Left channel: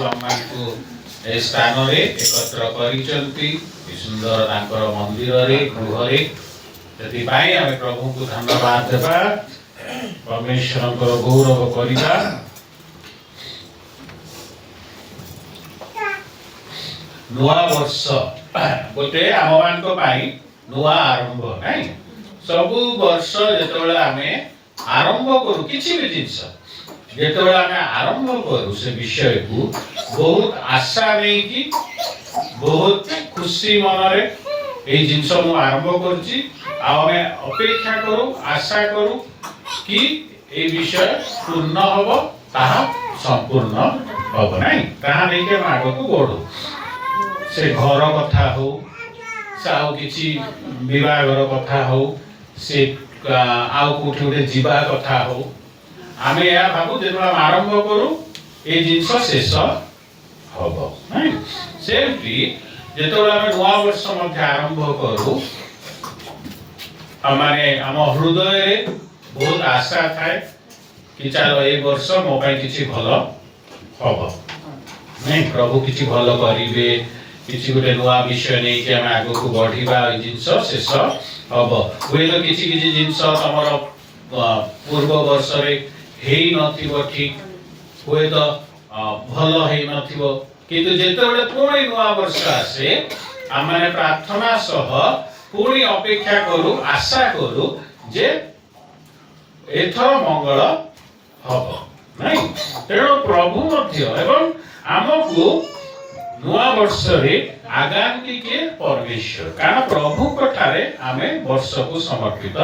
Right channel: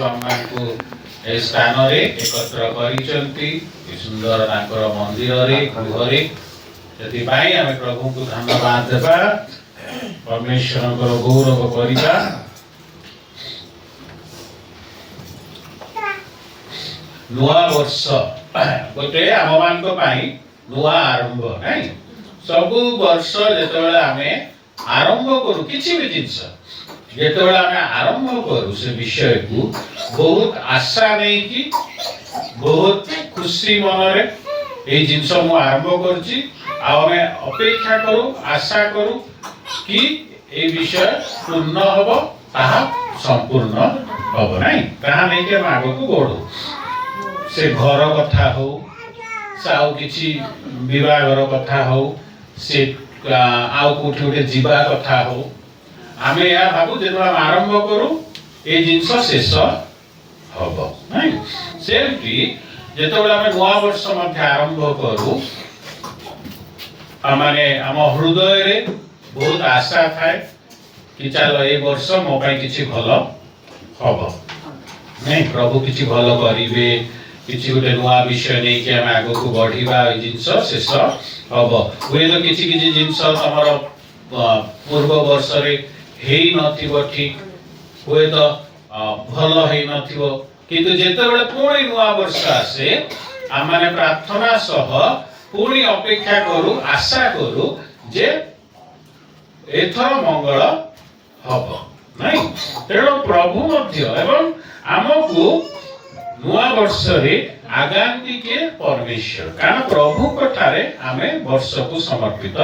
प्रभु आमको ए स्थान रे एकत्र करिसंती सुंदर तांकर मंदिर रे गृह रे जति भाई आमे प्रभु को धन्यवाद देबा परमेश्वर को गौरव करिबा। नुआ वर्ष गोटे आम मान को पाई नुआ आरंभ नहीं सब वर्ष जेतबेले आमे आरंभ करू किछि भी जिंस जेतबेले आमे आरंभ करू से विषय को बहुत आशा नहीं कि बहुत खुशी मन रे ए जिंस मु आरंभ करछि आमे अपेक्षा करू आशा करू कि ए विषय पूर्ण हबो ताहा संपूर्ण हबो नहीं ताहा नहीं के आगो को बढ़ू से घर कथा हो साउ किछि विवाहर कथा हो से आउ कोठी उठे जीवा कथा हो आमे या भाबु जेतबा आरंभ करू ए जिंस शेष हबो नहीं सेमती जेतबा आमे नवा वर्ष मध्ये आरंभ करू माने हम हृदय रे बहुत आशा थाए कि चलो ए वर्ष मो पई किछि भलो हबो नहीं प्रभु किछि भलो करिवे किछि गोटे नुआ विषय नहीं कि हम आगो को बढ़िबा जिंस शेष हबो वे तो किछि किछि जिंस हमर पूर्व वर्ष रे हेई नथिबो ठीक होय तो भलो हेई नथिबो किंतु जेतेबेले पुणी नुआ वर्ष आसे आमाने प्रार्थना सह पुणी अपेक्षा करू आशा करू जे एथर मंगल हबो नहीं तेणु प्रभु मध्य एवं आमको नुआ वर्ष रे आगामी के परमेश्वर कारण प्रभु कठारे आमे वर्ष को समर्पित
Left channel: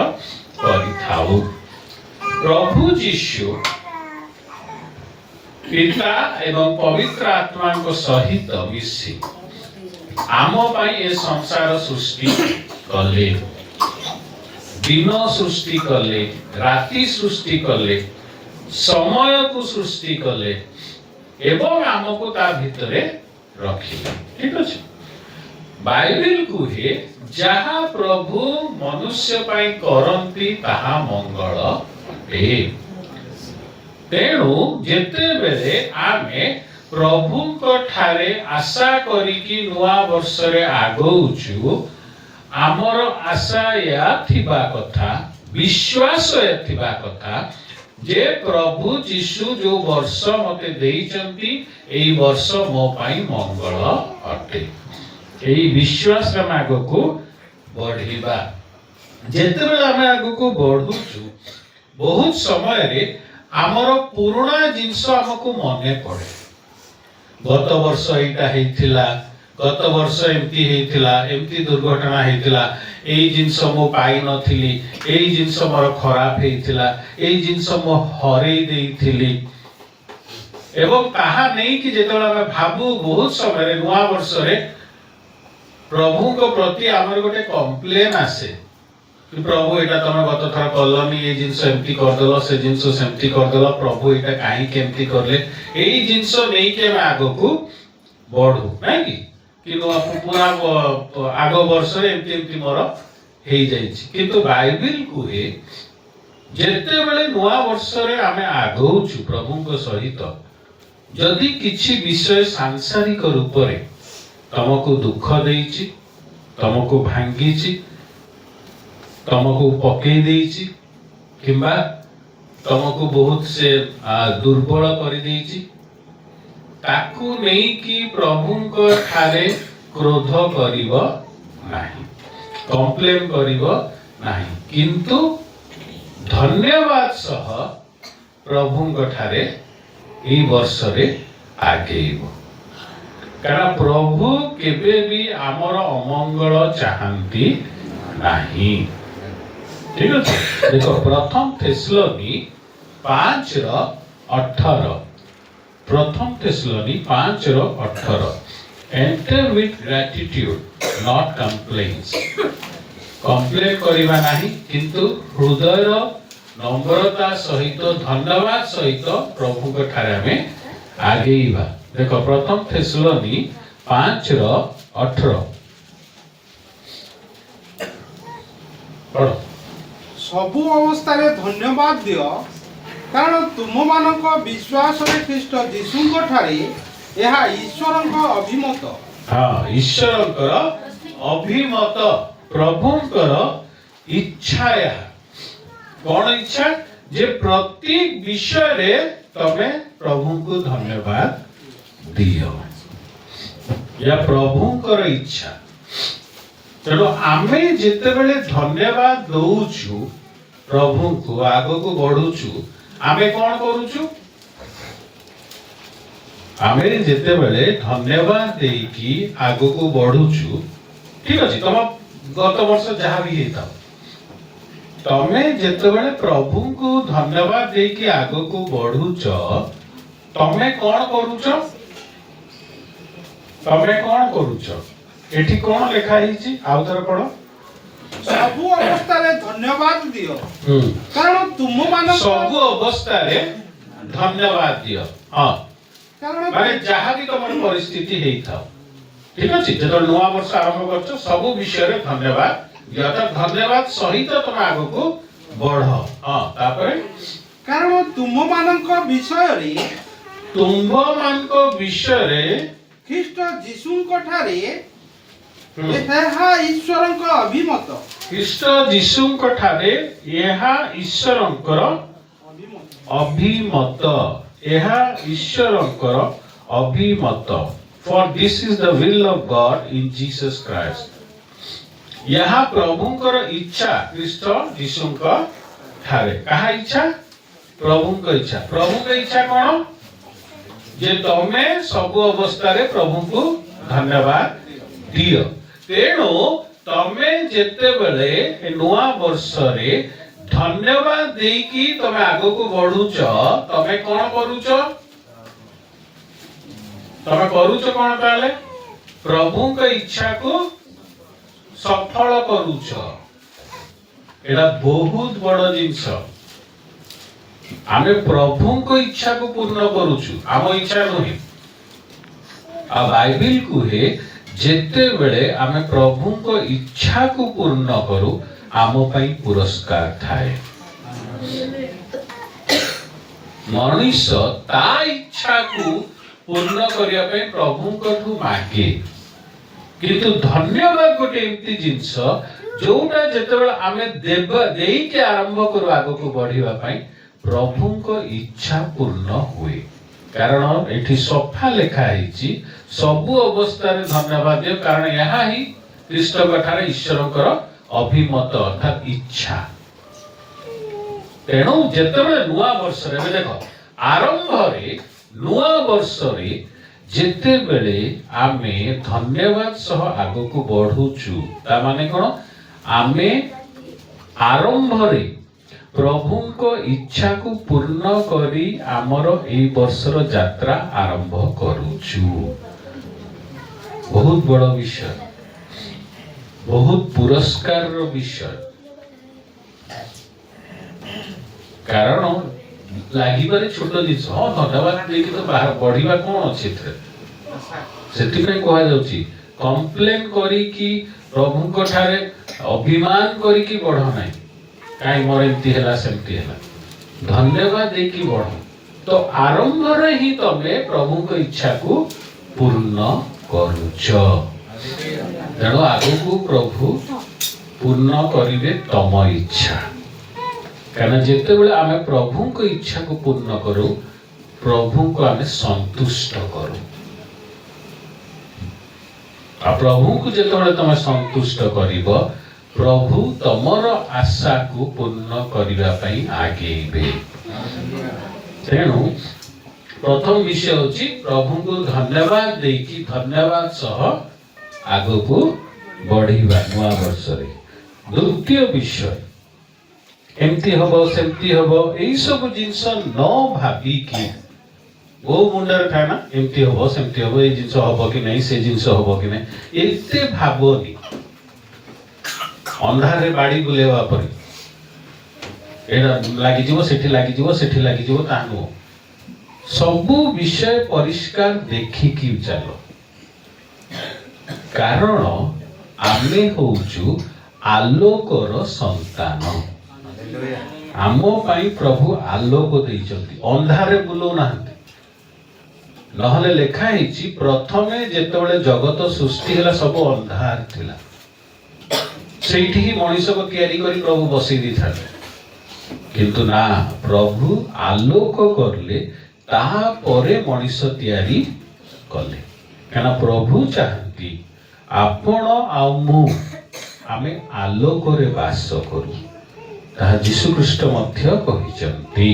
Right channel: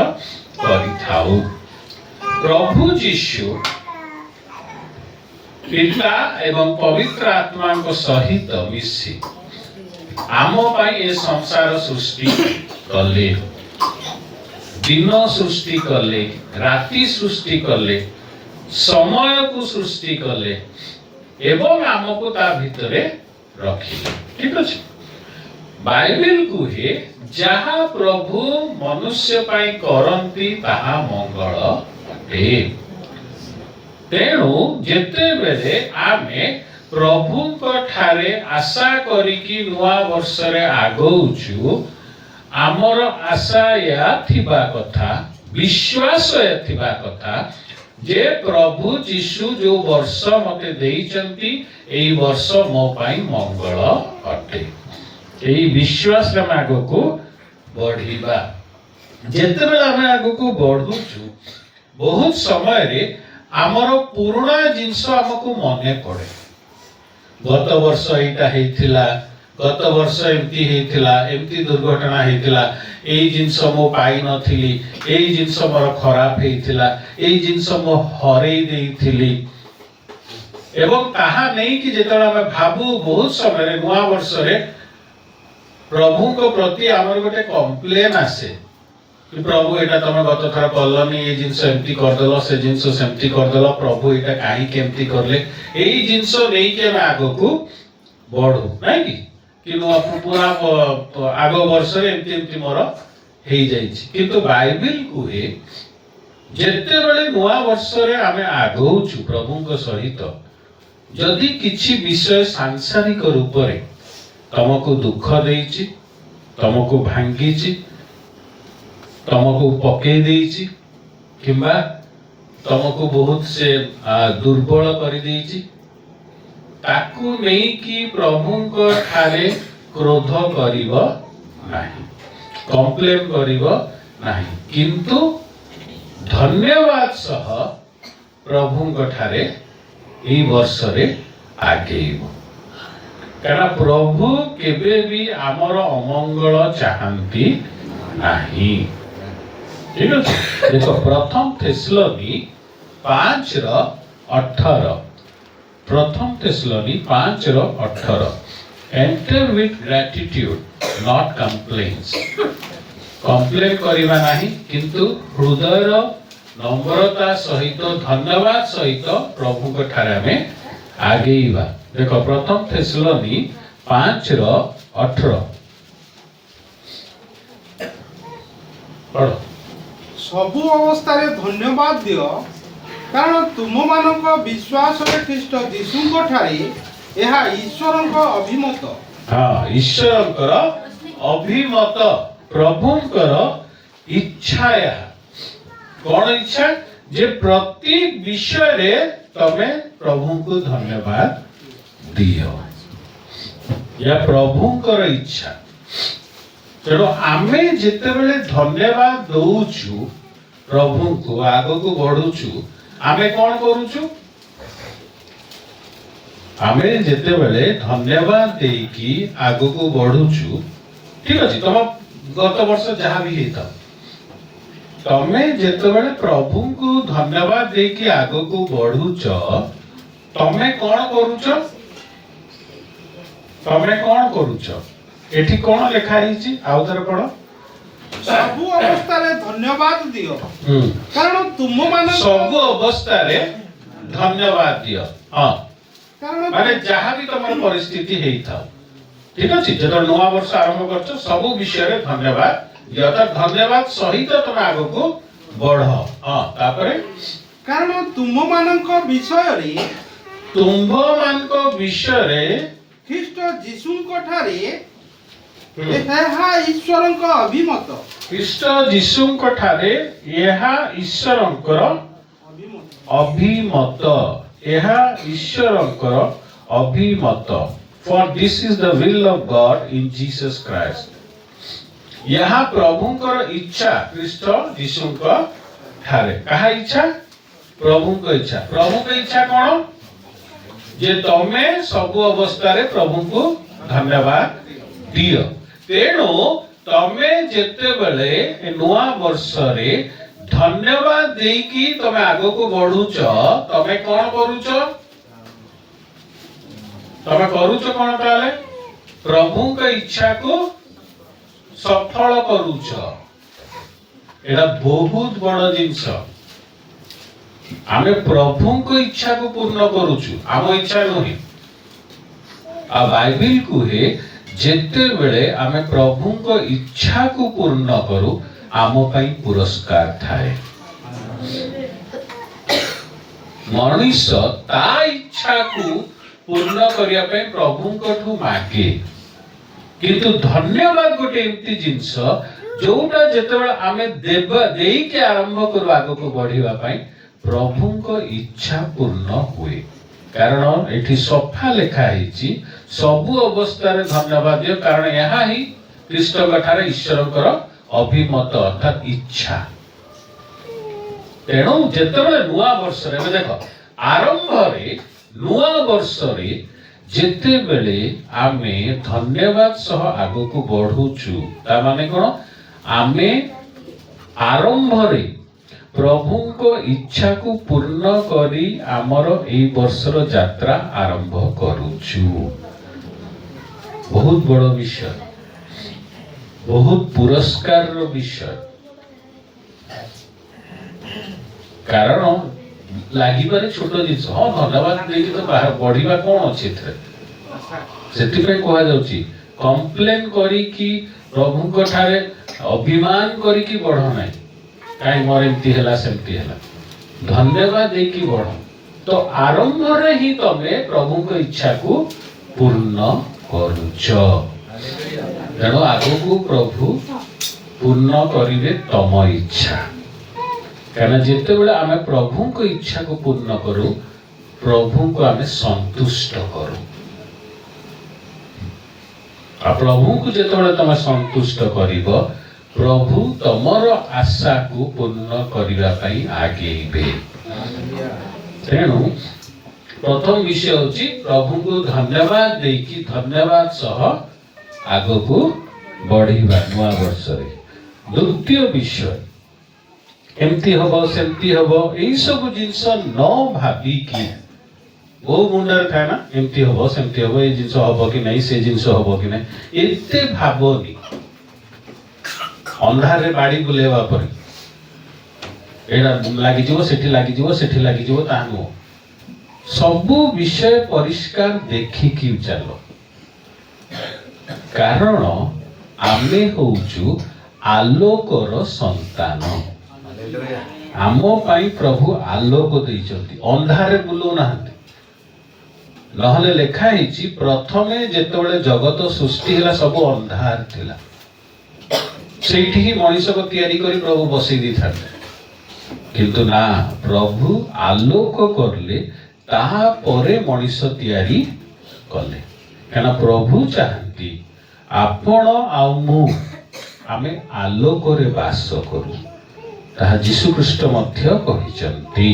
करिथाउ प्रभु यीशु पिता एवं पवित्र आत्मा को सहित मिसी आम पाई ए संसार सृष्टि कले दिन सृष्टि कले राति सृष्टि कले समय को सृष्टि कले एवं आमको ता भितरे रखिले ठीक अछि बाइबल कुहे जहा प्रभु मनुष्य पाई करंती ताहा मंगल अटे तेणु जेते बेले आमे प्रभु को ठारे आशा करिकी नुआ वर्ष रे आगौचु आमर आशा या थिबा कथा विश्वास या थिबा कथा जे प्रभु यीशु जो वर्ष मते देइचंती एई वर्ष मो पाई मंगल अटे एई विश्वास रे आगो को बढ़िबा जेते बेला हम आगो को बढ़ुचु बहुत समय रे आमर पुराना जिंस हमको मने पड़े गत वर्ष एटा हेथिला गत वर्ष एमती हेथिला एमती दुर्घटना हेथिला एई जिंस मो पाई नथिली एई जिंस मोर खराब हेथिला एई जिंस मो हरेई देइथिली एवं ताहा नहीं कि जेतला हम भाबू बहुत समय रे नुआ वर्ष रे प्रभु को प्रति हमर गोटे कंप्लेन आसे कि प्रभु एटा तमे गत थर कलनी ए जिंस एमती कर देलो से जिंस सेमती कर देलो प्रभु एटा काई केमती करले एई जिंस नहीं के हम आगो को बढ़ू नहीं कि नो पूरा आगो वर्ष रे एमती एमती मोर हेई जाईछि किंतु बाइबल कुहे जेते बेले नुआ वर्ष रे आमे आगौछु प्रभु को सहित जदि किछि विषय सांसारिक रूप रे तमको दुख देइछि तमको भांगीछि तमको पके देइछि किंबा तमको बहुत से दुर्बल कर देइछि ताकू नहीं कि प्रभु को ठारे क्रोध करिवो नाही कंप्लेन करिवो नाही किंतु धन्यवाद सह प्रभु को ठारे एई वर्ष रे आगेइबो कारण प्रभु केबे भी आमर अमंगल चाहंती नाही ठीक है देखो प्रथम थेसलोनी 5:18 प्रथम थेसलोनी 5:18 enter with gratitude not complaints complain करिबा नाही किंतु हृदयर नम्रता सहित धन्यवाद सहित प्रभु को ठारे में आगेइबा देखो प्रथम थेसलोनी 5:18 पढ़ो सबु अवस्था रे धन्यवाद दियो कारण तुम मानक विश्वास रे ख्रीष्ट यीशु ठारे ଏହା ଈଶ୍ୱରଙ୍କ ଅଭିମତ। हाँ ईश्वरଙ୍କର अभिमत प्रभुଙ୍କର इच्छा ଏହା कौन इच्छा जे प्रति विषय रे तमे प्रभु को धन्यवाद दियो या प्रभुଙ୍କର इच्छा। तेणु आमे जेतेबेले धन्यवाद दउछु प्रभु को आगो को बढ़ुछु आमे कौन करूछु आमे जेतेबेले धन्यवाद देकी आगो को बढ़ुछु ठीक अछि तम गत वर्ष जहाँ भी हेता तमे जेतेबेले प्रभु को धन्यवाद देकी आगो को बढ़ुछ तमे कौन करूछ तमे कौन करूछ एठी कौन लिखा हिची आउथर पढ़ो ସବୁ ଅବସ୍ଥାରେ ଧନ୍ୟବାଦ ଦିଅ କାରଣ ତୁମମାନଙ୍କ ସବୁ ଅବସ୍ଥାରେ ଧନ୍ୟବାଦ ଦିଅ ହଁ କାରଣ ମାନେ ଯାହା ବି ତମର ପରିସ୍ଥିତି ହେଇଥାଉ ଠିକ ଅଛି ଯେତେବେଳେ ନୂଆ ବର୍ଷ ଆରମ୍ଭ କରୁଛ ସବୁ ବିଷୟରେ ଧନ୍ୟବାଦ ଦିଅ ତ ଧନ୍ୟବାଦ ସହିତ ତମେ ଆଗକୁ ବଢ ହଁ ତାପରେ କାରଣ ତୁମମାନଙ୍କ ବିଷୟରେ ତୁମ୍ଭମାନଙ୍କ ବିଷୟରେ ଖ୍ରୀଷ୍ଟ ଯୀଶୁଙ୍କ ଠାରେ ଏହା ଈଶ୍ୱରଙ୍କ ଅଭିମତ। ଖ୍ରୀଷ୍ଟ ଯୀଶୁଙ୍କ ଠାରେ ଏହା ଈଶ୍ୱରଙ୍କର ଅଭିମତ ଏହା ଈଶ୍ୱରଙ୍କର ଅଭିମତ for this is the will of God in Jesus Christ ଏହା ପ୍ରଭୁଙ୍କର ଇଚ୍ଛା ଖ୍ରୀଷ୍ଟ ଯୀଶୁଙ୍କ ଠାରେ କାହା ଇଚ୍ଛା ପ୍ରଭୁଙ୍କ ଇଚ୍ଛା କଣ ଯେ ତମେ ସବୁ ଅବସ୍ଥାରେ ପ୍ରଭୁଙ୍କୁ ଧନ୍ୟବାଦ ଦିଅ। ତେଣୁ ତମେ ଯେତେବେଳେ ନୂଆ ବର୍ଷରେ ଧନ୍ୟବାଦ ଦେଇକି ତମେ ଆଗକୁ ବଢୁଛ ତମେ କଣ କରୁଛ କଣ ତାହେଲେ ପ୍ରଭୁଙ୍କ ଇଚ୍ଛାକୁ ସଫଳ କରୁଛ। ଏଟା ବହୁତ ବଡ ଜିନିଷ ଆମେ ପ୍ରଭୁଙ୍କ ଇଚ୍ଛାକୁ ପୂର୍ଣ୍ଣ କରୁଛୁ ଆମ ଇଚ୍ଛା ନୁହେଁ। ଆଉ ବାଇବେଲ କୁହେ ଯେତେବେଳେ ଆମେ ପ୍ରଭୁଙ୍କ ଇଚ୍ଛାକୁ ପୂର୍ଣ୍ଣ କରୁ ଆମ ପାଇଁ ପୁରସ୍କାର ଥାଏ। ମଣିଷ ତା ଇଚ୍ଛାକୁ ପୂର୍ଣ୍ଣ କରିବା ପାଇଁ ପ୍ରଭୁଙ୍କଠୁ ମାଗେ କିନ୍ତୁ ଧନ୍ୟବାଦ ଗୋଟେ ଏମିତି ଜିନିଷ ଯୋଉଟା ଯେତେବେଳେ ଆମେ ଦେଇକି ଆରମ୍ଭ କରୁ ଆଗକୁ ବଢିବା ପାଇଁ ପ୍ରଭୁଙ୍କ ଇଚ୍ଛା ପୂର୍ଣ୍ଣ ହୁଏ। କାରଣ ଏଠି ସଫା ଲେଖା ହେଇଛି ସବୁ ଅବସ୍ଥାରେ ଧନ୍ୟବାଦ ଦିଅ କାରଣ ଏହା ହିଁ ଖ୍ରୀଷ୍ଟଙ୍କ ଠାରେ ଈଶ୍ୱରଙ୍କର ଅଭିମତ ଅର୍ଥାତ୍ ଇଚ୍ଛା। ତେଣୁ ଯେତେବେଳେ ନୂଆ ବର୍ଷରେ ଦେଖ ଆରମ୍ଭରେ ନୂଆ ବର୍ଷରେ ଯେତେବେଳେ ଆମେ ଧନ୍ୟବାଦ ସହ ଆଗକୁ ବଢୁଛୁ ତା ମାନେ କଣ ଆମେ ଆରମ୍ଭରେ ପ୍ରଭୁଙ୍କ ଇଚ୍ଛାକୁ ପୂର୍ଣ୍ଣ କରି ଆମର ଏଇ ବର୍ଷର ଯାତ୍ରା ଆରମ୍ଭ କରୁଛୁ। ବହୁତ ବଡ଼ ବିଷୟ ବହୁତ ପୁରସ୍କାରର ବିଷୟ କାରଣ ଲାଗିବାରେ ଛୋଟ ଜିନିଷ ହଁ ଧନ୍ୟବାଦ ଦେଇକି ତ ବଢିବା କଣ ଅଛି ଏଥିରେ ସେଥିପାଇଁ କୁହାଯାଉଛି କମ୍ପ୍ଲେନ କରିକି ପ୍ରଭୁଙ୍କ ଠାରେ ଅଭିମାନ କରିକି ବଢ ନାହିଁ କାହିଁ ମୋର ଏମିତି ହେଲା ସେମିତି ହେଲା ଧନ୍ୟବାଦ ଦେଇକି ବଢ ତ ଆରମ୍ଭରେ ହିଁ ତମେ ପ୍ରଭୁଙ୍କ ଇଚ୍ଛାକୁ ପୂର୍ଣ୍ଣ କରୁଛ। ତେଣୁ ଆଗକୁ ପ୍ରଭୁ ପୂର୍ଣ୍ଣ କରିବେ ତମ ଇଚ୍ଛା କାରଣ ଯେତେବେଳେ ଆମେ ପ୍ରଭୁଙ୍କ ଇଚ୍ଛାକୁ ପୂର୍ଣ୍ଣ କରୁ ପ୍ରଭୁଙ୍କୁ ଆମେ ସନ୍ତୁଷ୍ଟ କରୁ ଆଉ ପ୍ରଭୁଙ୍କୁ ଯେତେବେଳେ ତମେ ସନ୍ତୁଷ୍ଟ କରିବ ପ୍ରଭୁ ତମର ଆଶାକୁ ପୂର୍ଣ୍ଣ କରିବା ପାଇଁ ଆଗେଇବେ। ତେଣୁ ପ୍ରଥମ ବିଷୟ ହେଉଛି ପ୍ରଭୁଙ୍କୁ ଧନ୍ୟବାଦ ଦେଇକି ଧନ୍ୟବାଦ ସହ ଆଗକୁ ବଢିବା ନୂଆ ବର୍ଷରେ। ଦ୍ୱିତୀୟ ବିଷୟ ଏମିତି ହବ ସେମିତି ହବ ଏଇ ସବୁ ଜିନିଷ ନ ଭାବିକି ବହୁ ମୁଣ୍ଡରେ ଥାଏ ନା ଏମିତି ହବ ସେମିତି ହବ ଏଇ ଜିନିଷ ହବ କି ନାହିଁ ସେ ଜିନିଷ ହବ କି ନାହିଁ ଏତେ ଭାବନି ଅନ୍ଧାରରେ ବାଡ଼ି ବୁଲେଇବା ପରି ଏଇଟା ଲାଗିଯିବ ସେଠି ଲାଗିଯିବ ତାହା ନୁହଁ ସବୁ ବିଷୟ ପରିଷ୍କାର ଦେଖିକି ଚାଲ କାରଣ ଆମେ ହଉଛୁ ଆଲୋକର ସନ୍ତାନ ଆମ ପାଇଁ ପ୍ରଭୁ ଆଲୋକ ଦେଇଛନ୍ତି ଅନ୍ଧାରରେ ବୁଲଉନାହାନ୍ତି नहले लेखा ହେଇଛି प्रथमे जेतेबेले जगत सृष्टि ହେଲା सब अंधार थिला ସେଇଠି ହିଁ ମଣିଷକୁ ତିଆରି କରି ପ୍ରଭୁ ବସେଇ ଦେଇଥାନ୍ତି କିନ୍ତୁ ନା ପ୍ରଭୁ ଆଲୋକ କରିଲେ ତାପରେ ମଣିଷ ତିଆରି କଲେ କାରଣ ପ୍ରଭୁ ଚାହାନ୍ତି ଆପଣ ଆଉ ମୁଁ ଆମେ ଆଲୋକରେ ବାସ କରୁ ତାହା ଯୀଶୁ ଖ୍ରୀଷ୍ଟ ମଧ୍ୟ କହିଛନ୍ତି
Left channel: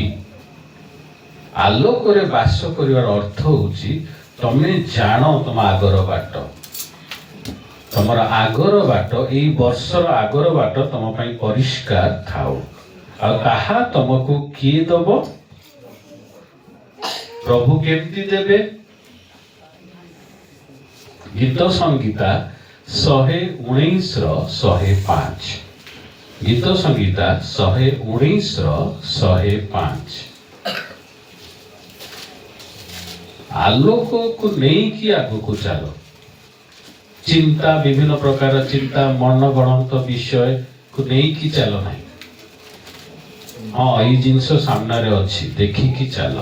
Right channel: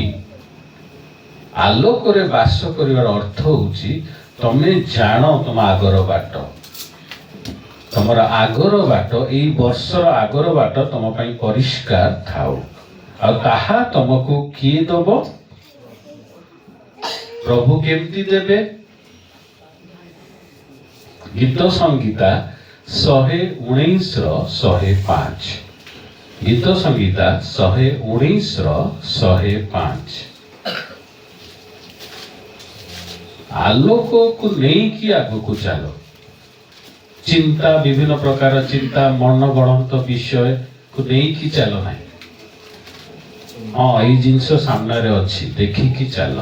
ଆଲୋକରେ ବାସ କରିବାର ଅର୍ଥ ହେଉଛି ତମେ ଜାଣ ତମ ଆଗର ବାଟ ତମର ଆଗର ବାଟ ଏଇ ବର୍ଷର ଆଗର ବାଟ ତମ ପାଇଁ ପରିଷ୍କାର ଥାଉ ଆଉ ତାହା ତମକୁ କିଏ ଦବ ପ୍ରଭୁ କେମିତି ଦେବେ ଗୀତ ସଂଗୀତା 119 ର 105 ଗୀତ ସଂଗୀତା 119 ର 105 ଆଲୋକକୁ ନେଇକି ଆଗକୁ ଚାଲ चिंता विभिन्न प्रकार चिंता मन गणत विषय को नहीं चल ना हाँ ये जिनस सामने अच्छी देखिकी चल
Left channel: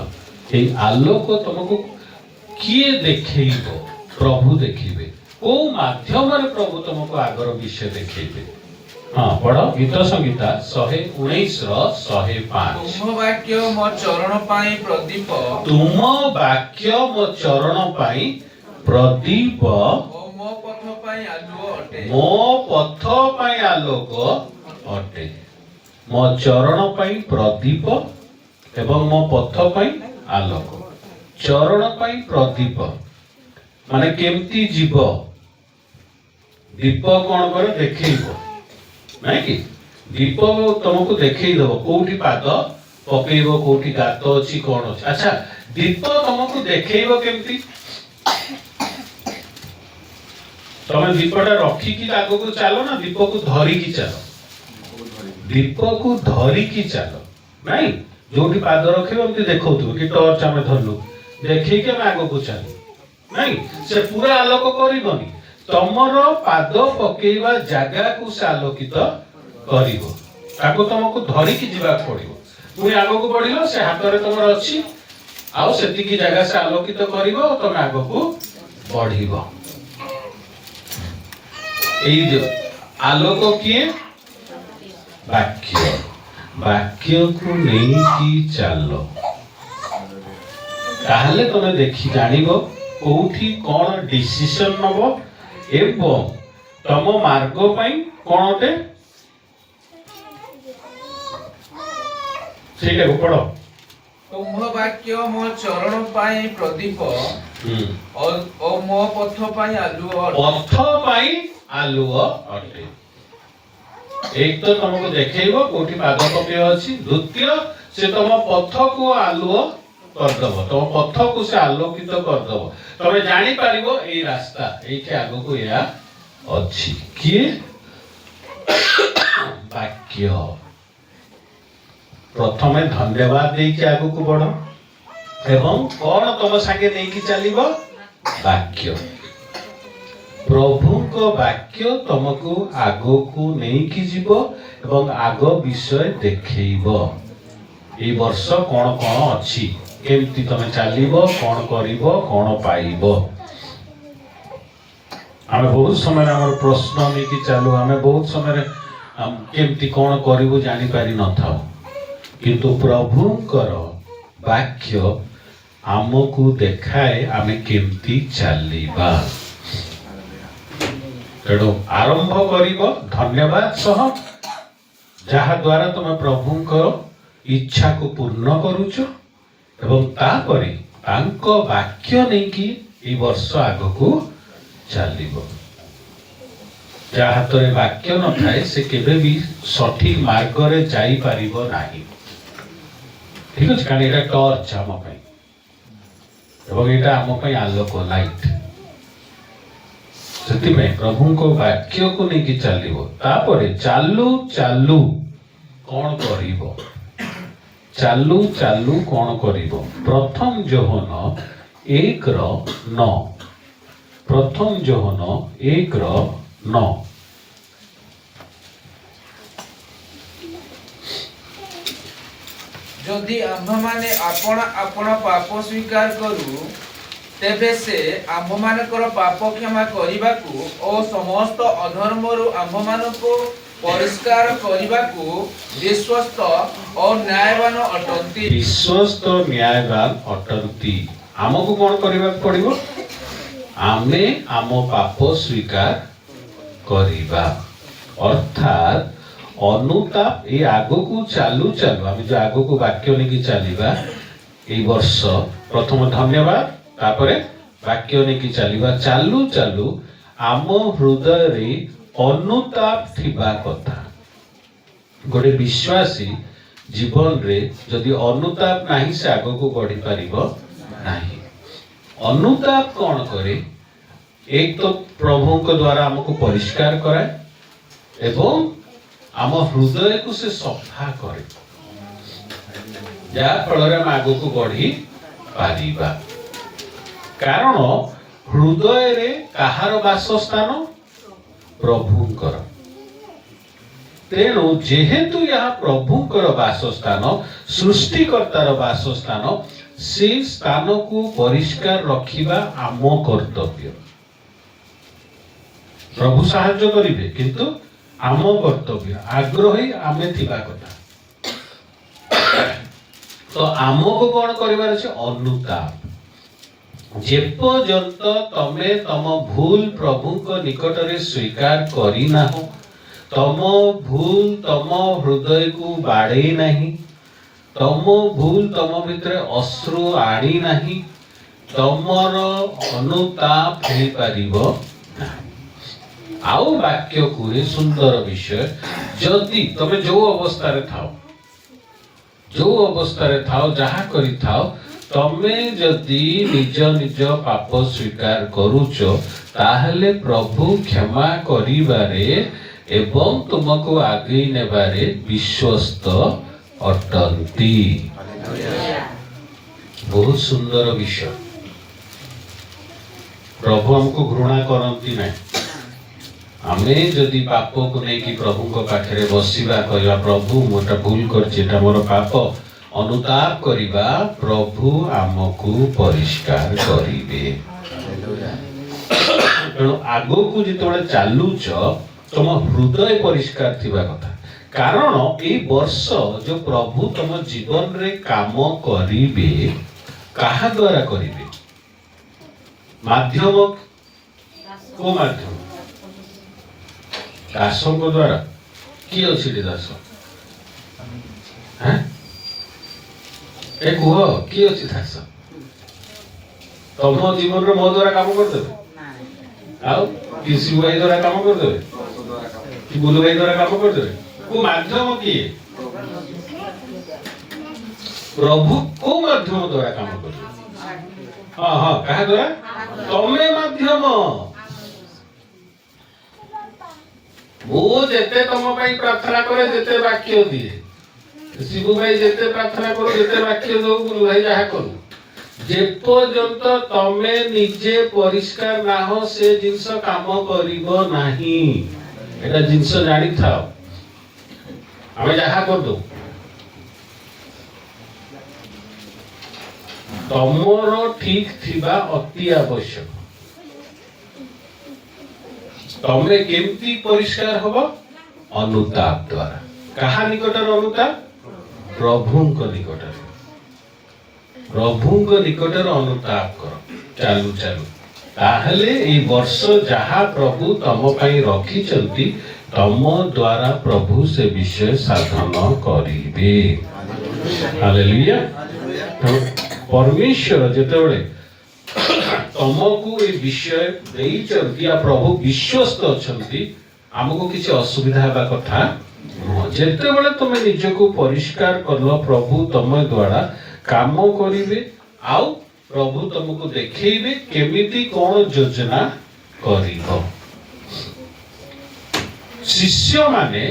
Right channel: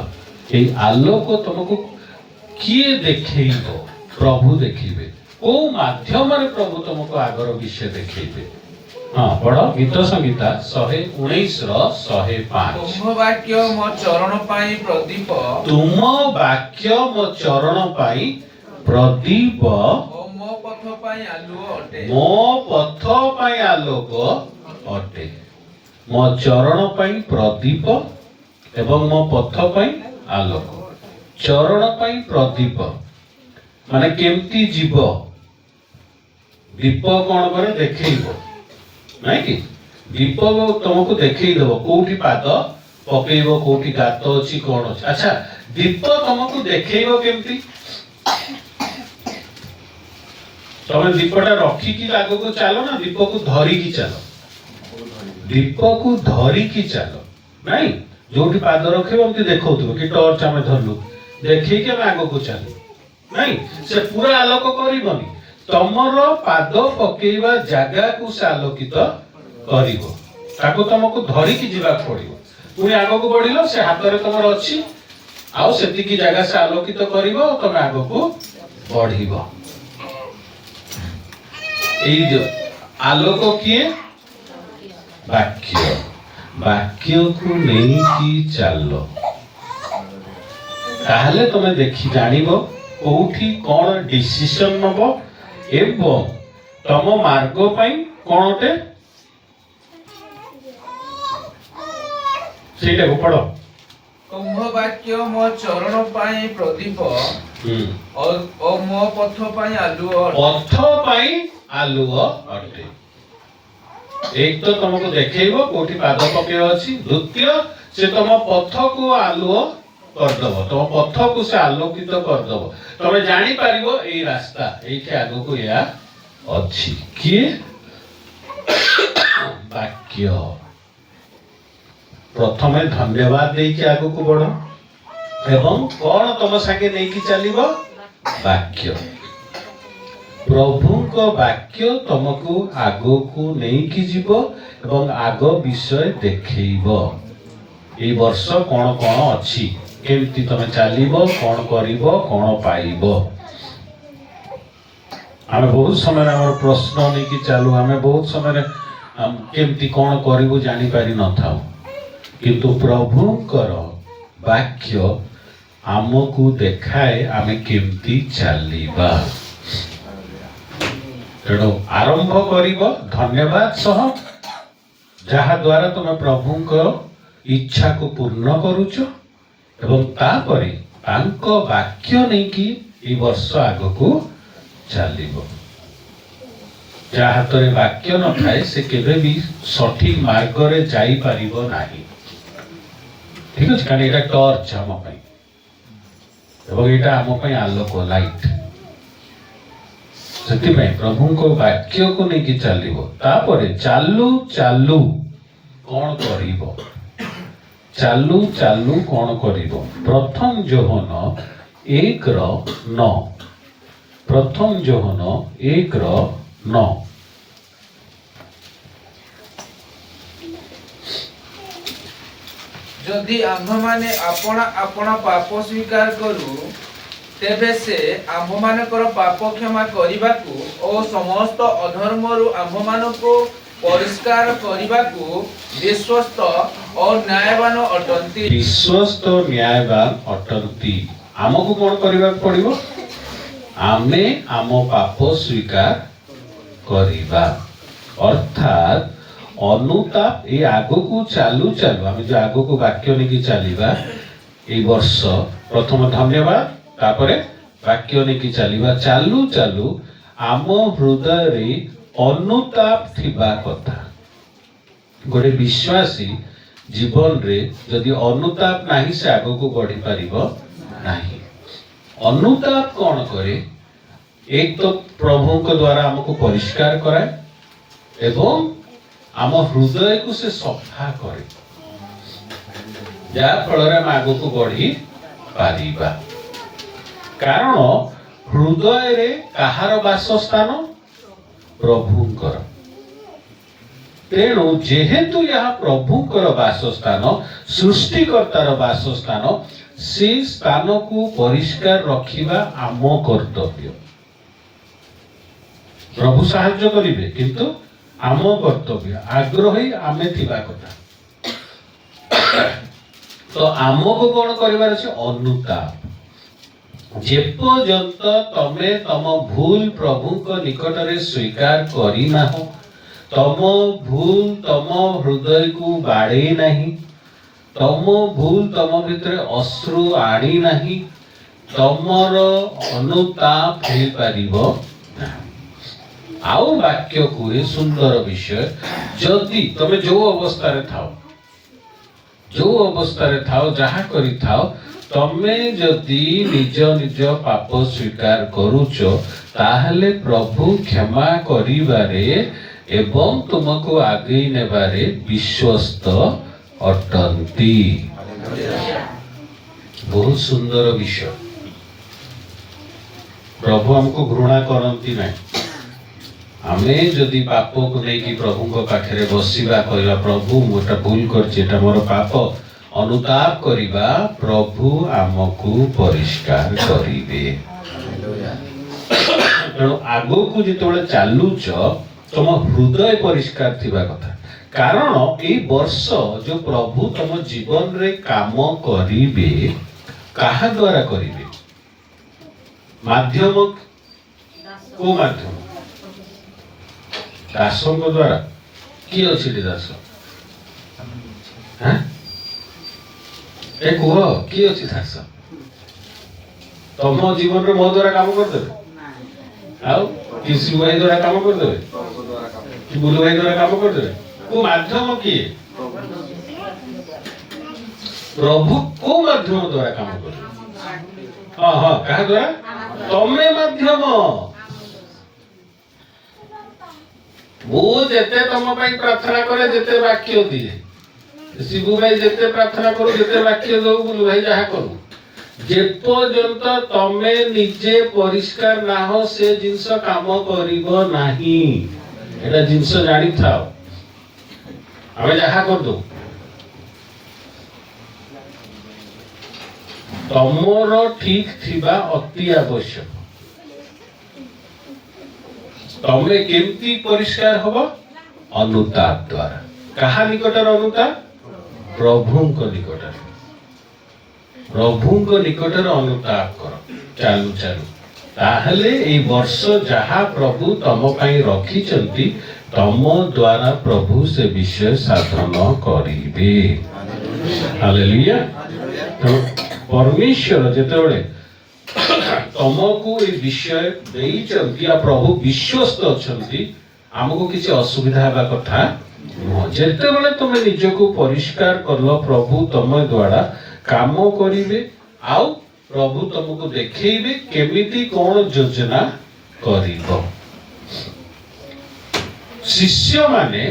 ये आलोक तुमको किए देखेइबो प्रभु देखिबे को माध्यम प्रभु तुमको आगर विषय देखेइबे हाँ पढ़ गीत संगीता 119 रो 105 तुम वाक्य मो चरण पाई प्रदीप तुम वाक्य मो चरण पाई प्रदीप मो पथ पाई आलुओ अटे मो पथ पाई आलोक अटे मो चरण पाई प्रदीप एवं मो पथ पाई आलोक चरण पाई प्रदीप माने केमती जीव दीप कौन करे देखैबो नहीं कि दीप तुमको देखै देबो कोठी पाद पकेइबो कोठी गात अछि कोन अछि अच्छा दीप तुमको देखैबो केमती तमे दीपटा रखिकी आगो को चलो ना दीप को धरिकी चलो दीप को धरिकी चलो नहीं जोटी पाद रखेबो हमती देखौथिबो कि टॉर्च आमे धरलु देखै के हम आगो को चलो नहीं से पूरा आलोक करिबनी तमर पाद पकेइबा जागा को से आलोकित करिवो ताको तुमको धरिकी जीवा पड़िवो पुनी आगो को बढ़िलो से हाथ रे तमर अछि आउ सेति की जागा से आलोकित करिवो तमे आगो को बढ़िवो आलोक किए वाक्य वाक्य को नहीं की चलो ताहले तुम देखी जानिबो कोठी कोन डिसीजन नबो एवं तम मार्ग पई कोनटे सेटा को पढ़ो तुम वाक्य मो चरण पाई प्रदीप और मो पथ पाई आलुओ पथ पाई आलुओ अटे एक तो तुमको देखैबो कोठी पाद पकेइबो अछि द्वितीय से तुम पथ को आलुओ कर दबो तुम पथ को से आलोकित कर दबो तमे जानि पारिबो एई रास्ता एई के आगो को या अछि किए वाक्य प्रथमे धन्यवाद देई के आगो को बढ़ो एवं कोन तुम संगे देई की चलिबो वाक्य प्रभु को वाक्य तुमको आगो को नहीं की जीवो एवं आगो विषय देखैबो ए वर्ष कोन कोन अछि केमती तमे चलिबो कोन करिबो कोन पाइबो आमे बहुत समय हमर प्रश्न नहीं की चालू आमे बहुत समय केमती कोन करिबो जानि पारि न थाओ किंतु प्रभुंकर वाक्य आमको देखाए आमे केमती चलिबा तेणु आरंभ करिबो धन्यवाद सह जहा द्वारा तुम प्रभुंकर इच्छा को पूर्ण करूचो एवं तापरे तांको वाक्य नहीं कि ई वर्ष आगो को चलिबो जहा हाथ रे वाक्य न थाए से केबे भी सठिक मार्ग रे जाई पारिबो नाही ठीक अछि कारण एटा टॉर्च हम पई एवं एटा हम पई आलोक लाइट से प्रभु को वाक्य को नहीं कि चलिबो तापरे चालू चालू कौन करिबो चालू चालू कौन करिबो प्रथम जोहन 1:9 प्रथम जोहन 1:9 जदि आम्भ माने अपना अपना पाप स्वीकार करू ତେବେ ସେ ଆମ୍ଭମାନଙ୍କର ପାପ କ୍ଷମା କରିବାକୁ ଓ ସମସ୍ତ ଅଧର୍ମରୁ ଆମ୍ଭମାନଙ୍କୁ ପରିଷ୍କାର କରିବାକୁ ବିଶ୍ୱସ୍ତ ଓ ନ୍ୟାୟବାନ ଅଟନ୍ତି। ବିଶ୍ୱସ୍ତ ନ୍ୟାୟବାନ ଅଟନ୍ତି। ଆମକୁ କଣ କରିବାକୁ ପଡିବ? ଆମେ ଆମ ପାପ ସ୍ୱୀକାର କରିବା, ଅର୍ଥାତ୍ ଅନୁତାପ। ଏଇ ଆଗକୁ ଚାଲୁ ଚାଲୁ ଆମେ ଯୋଉ ଆଗକୁ ବାକ୍ୟ ନେଇକି ଚାଲିବା ଏଇ ବର୍ଷ, ପ୍ରଥମ ଧନ୍ୟବାଦ, ତାପରେ ବାକ୍ୟ ନେଇକି ଚାଲିବା। ଚାଲୁ ଚାଲୁ ଆମ ହୃଦୟରେ ଅନୁତାପ ଥିବା କଥା। ଗୋଟେ ବିଶ୍ୱାସୀ ଜୀବନରେ ଯଦି ଅନୁତାପ ନାହିଁ ସେ ଆଗକୁ ବଢି ପାରିବ ନାହିଁ। ଅନୁତାପ କଣ କରେ? ଏକ ତ ପ୍ରଭୁଙ୍କ ଦ୍ୱାରା ଆମକୁ ପରିଷ୍କାର କରାଏ ଏବଂ ଆମ ହୃଦୟକୁ ସେ ସଫା କରେ, ଯାହା ଫଳରେ ଆମେ ଆଗକୁ ବଢି ପାରିବା। କାରଣ ହୃଦୟରେ କାହାର ବାସସ୍ଥାନ? ପ୍ରଭୁଙ୍କର। ତେଣୁ ଯେହେତୁ ଏହା ପ୍ରଭୁଙ୍କର ବାସସ୍ଥାନ, ସୃଷ୍ଟିକର୍ତ୍ତାର ବାସସ୍ଥାନ, ସେ ସ୍ଥାନକୁ ପରିଷ୍କାର ରଖିବା ଆମ କର୍ତ୍ତବ୍ୟ। ପ୍ରଭୁ ସାହାଯ୍ୟ କରିବେ, କିନ୍ତୁ ଆମ କର୍ତ୍ତବ୍ୟ, ଆଗ୍ରହୀ ଆମେ ଥିବା କଥା। ତ ଆମକୁ କଣ କରିବାର ଅଛି? ଅନୁତାପ। ଯେପର୍ଯ୍ୟନ୍ତ ତମେ ତମ ଭୁଲ ପ୍ରଭୁଙ୍କ ନିକଟରେ ସ୍ୱୀକାର କରିନାହଁ, ତମ ଭୁଲ ତମ ହୃଦୟକୁ ବାଡ଼େଇ ନାହିଁ, ତମ ଭୁଲ ତମ ଭିତରେ ଅଶ୍ରୁ ଆଣି ନାହିଁ, ତମର ଅନୁତାପ ହେଇପାରିବ ନାହିଁ। ଆଉ ବାକ୍ୟ କୁହେ ସୁନ୍ଦର ବିଷୟ, ଯଦି ତମେ ଯୋଉ ଅବସ୍ଥାରେ ଥାଅ, ଯାହା କରିଥାଅ, ତମେ ଯଦି ନିଜ ନିଜ ପାପ ସ୍ୱୀକାର କରୁଛ, ତାହେଲେ ପ୍ରଭୁ କ୍ଷମା କରିବାରେ ଏବଂ ତୁମକୁ ଆଗେଇ ନେବାରେ ବିଶ୍ୱସ୍ତ ଅଟନ୍ତି। ବହୁତ ସୁନ୍ଦର ବିଷୟ। ପ୍ରଭୁ ଆମକୁ ଘୃଣା କରନ୍ତି ନାହିଁ। ଆମେ ଯଦି ପାପକୁ ନେଇକି ପ୍ରଭୁଙ୍କ ପାଖରେ ବସିବା, କହିବା ପ୍ରଭୁ ମୁଁ ଏଟା ଭୁଲ କରିଛି, ଏଟା ମୋର ପାପ, ଅନୁତାପ କରିବା, ପ୍ରଭୁ ଆମକୁ ପରିଷ୍କାର କରିବେ। ତେଣୁ ଆଗକୁ ଯେତେବେଳେ ଚାଲୁଛ ତମ ହୃଦୟ ପରିଷ୍କାର ଥିବା କଥା। କାରଣ ଏଇ ବର୍ଷ ଯୋଉ ପ୍ରଭୁ ତମ ଜୀବନରେ କାମ କରିବେ, କାହା ଦ୍ୱାରା କରିବେ? ମାଧ୍ୟମ କୋଉ ମାଧ୍ୟମ? ଦାସଙ୍କ ଦ୍ୱାରା। କିଏ ଅଛି ଏଠି ଦାସ? ଏ କୁହ, କିଏ ଅଛି ଦାସ? ତମ ଜୀବନରେ ମୋ ଦ୍ୱାରା କାମ କରିଦେବେ? ଆଉ କି ଶିବ ଭାଇ ଦ୍ୱାରା କାମ କରିଦେବେ? କି ବୁଲୁ ଭାଇ ଦ୍ୱାରା କାମ କରିଦେବେ? କୋଉ ମାଧ୍ୟମ କିଏ? ପ୍ରଭୁ କୋଉ ମାଧ୍ୟମ ଦ୍ୱାରା କାମ କରିବେ? ହଁ ହଁ, କାହା ଦ୍ୱାରା? ତମେ ମାଧ୍ୟମ। ମୁଁ ଯେତେ ତମ ପାଇଁ ପ୍ରାର୍ଥନା କରେ, ଯେତେ ବାକ୍ୟ ଦିଏ, ଶିବୁ ଭାଇ ଯେତେ ପ୍ରାର୍ଥନା କରୁ, ଯେତେ ବାକ୍ୟ ଦଉ, ବୁଲୁ ଭାଇ ଯାହା କରୁ, ଯେପର୍ଯ୍ୟନ୍ତ ତମେ ନିଜେ ପରିଷ୍କାର ନାହଁ ସେ ଜିନିଷ କାମ କରିବ ନାହିଁ। ଏଟା ଜିନିଷ ଜାଣିଥାଅ। ଆମେ ଯାହା କରିଦଉ, ତମର ଠିକ ଥିବା ଅତି ଆବଶ୍ୟକ। ତମେ କେମିତି ପରିଷ୍କାର ହବ? ଅନୁତାପ ଦ୍ୱାରା। କାହା ନିକଟରେ ଅନୁତାପ? ପ୍ରଭୁଙ୍କ ନିକଟରେ। ପ୍ରଭୁଙ୍କ ନିକଟରେ ଅନୁତାପ କର ଚାଲୁ ଚାଲୁ। ତାହେଲେ ଏଇ ବର୍ଷ ଯାହା ପ୍ରଭୁ ତମ ପାଇଁ ରଖିଛନ୍ତି, ତମ ଦ୍ୱାରା ପ୍ରଭୁ ସେ ବିଷୟ ସାଧନ କରିବେ। ହାଲେଲୁୟା। ପରମେଶ୍ୱର ଯେତେବେଳେ ତମକୁ ଏ ବିଷୟ ଦେଇଛନ୍ତି, ପ୍ରଭୁ ବିଶ୍ୱସ୍ତ ଅଛନ୍ତି, ଆମକୁ କିଛି ଅସୁବିଧା ହେବା କଥା ନୁହଁ। ଯେତେବେଳେ ତୁମେ ନିଜକୁ ପରିଷ୍କାର କଲ, ପ୍ରଭୁ ତମ ଦ୍ୱାରା କାମ କରିବେ, ଆଉ ପ୍ରଭୁ ତମକୁ ଦେଖେଇବେ କେମିତି କଣ ଯୋଜନା କରିବ। ଶିଷ୍ୟମାନେ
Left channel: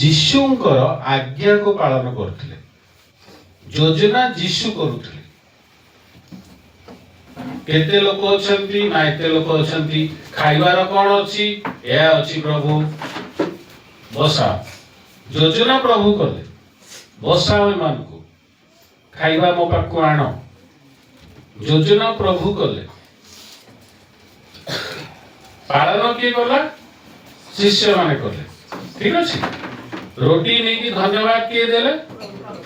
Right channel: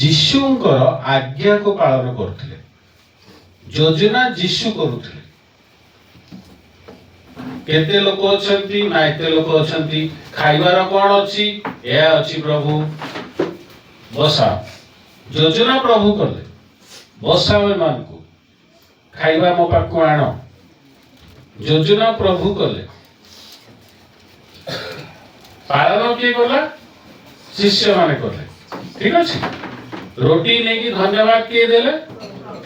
ଯୀଶୁଙ୍କର ଆଜ୍ଞାକୁ ପାଳନ କରୁଥିଲେ, ଯୋଜନା ଯୀଶୁ କରୁଥିଲେ। କେତେ ଲୋକ ଅଛନ୍ତି? ନା ଏତେ ଲୋକ ଅଛନ୍ତି। ଖାଇବାର କଣ ଅଛି? ଏହା ଅଛି ପ୍ରଭୁ, ବସାଅ। ଯୋଜନା ପ୍ରଭୁ କଲେ, ବସାଅ ଏମାନଙ୍କୁ, ଖାଇବା ମୋ ପାଖକୁ ଆଣ। ଯୋଜନା ପ୍ରଭୁ କଲେ, पालन किए गला शिष्य माने कले ठीक अछि रोटी नहीं कि धन्यवाद किए देले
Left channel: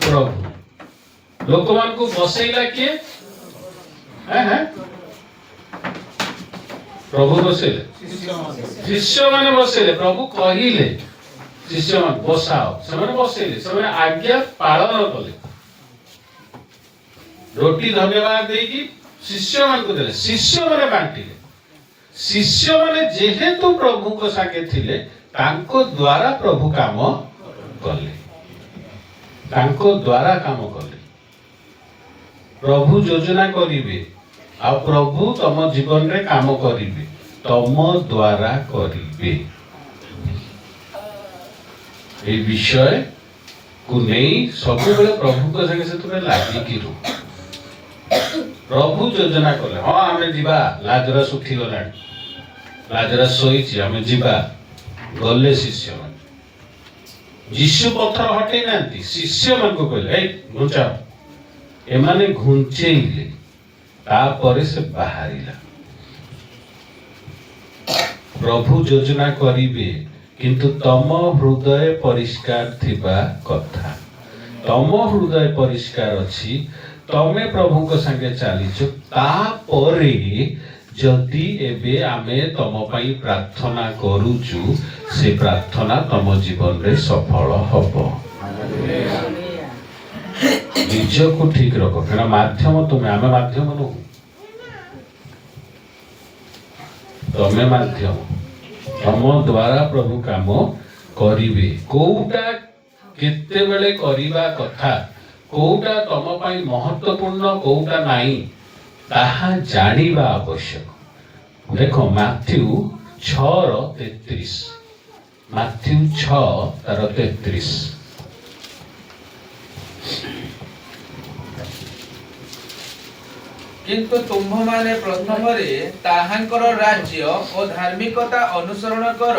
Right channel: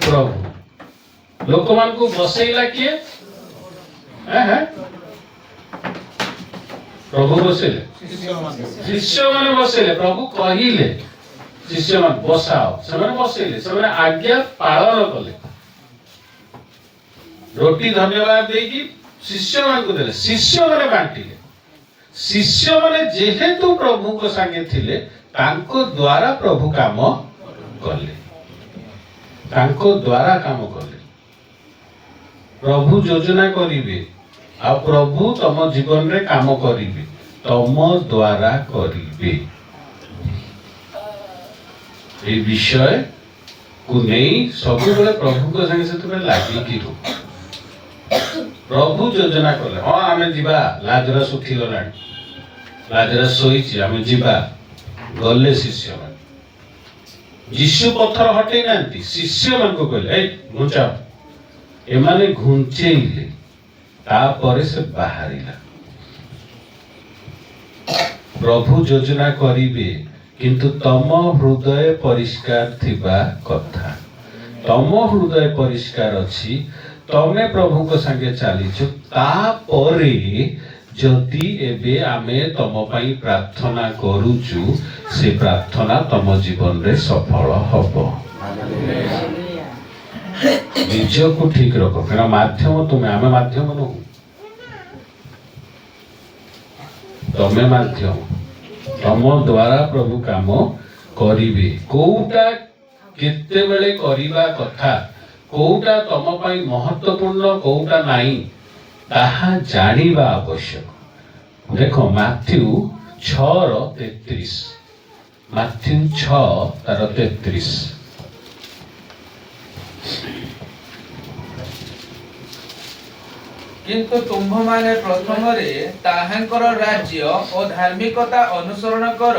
प्रभु लोक मान को बसैला किए हैं प्रभु बसैले शिष्य माने बसैले प्रभु कहिले शिष्य मान बसाओ से बसैले से आज्ञा पालन कले रोटी धन्यवाद देकी शिष्य मान को देले शिष्य माने बांटिले शिष्य माने जेहेतु प्रभु को संगे थिले तांको द्वारा प्रभु काम कले तांको द्वारा काम कले प्रभु योजना करिवे आ प्रभु तम जीवन रे काम करिवे तम द्वारा करिवे ए विषय को नहीं सब बेले प्रभु को संगे से लागी कि प्रभु योजना कले हाँ आमे जीवा लाजरस उठी गलानी लाजरस सोईची आमे जीवा गले शिष्य मान यीशु पत्थर हटे नांती शिष्य मान को कहले ए घुंचा एमाने घुंचेइले तापरे से बाहरिला प्रभु योजना करिवे किंतु तम हृदय परिष्कार थिबा कथा तम हृदय परिष्कार अछि तमे प्रभु को संगे चलीछु तापरे जदि एबे आमे तम पई प्रार्थना करूछु से प्रार्थना तम जीवन रे सफल हबो निज को ठीक रखो कारण माध्यम तुमे आमे माध्यम नो तमे माध्यम तम द्वारा प्रभु काम करिवे कोउटा केते बेले करिबा कथा कोउटा तम पई महत्वपूर्ण कोउटा नाही ताहा जानिबा आवश्यक देखो मैथ्यू 6:33 मैथ्यू 6:33 किंतु तुम्भ माने प्रथम रे ताहांकर राज्य और धार्मिकता अनुसरण कर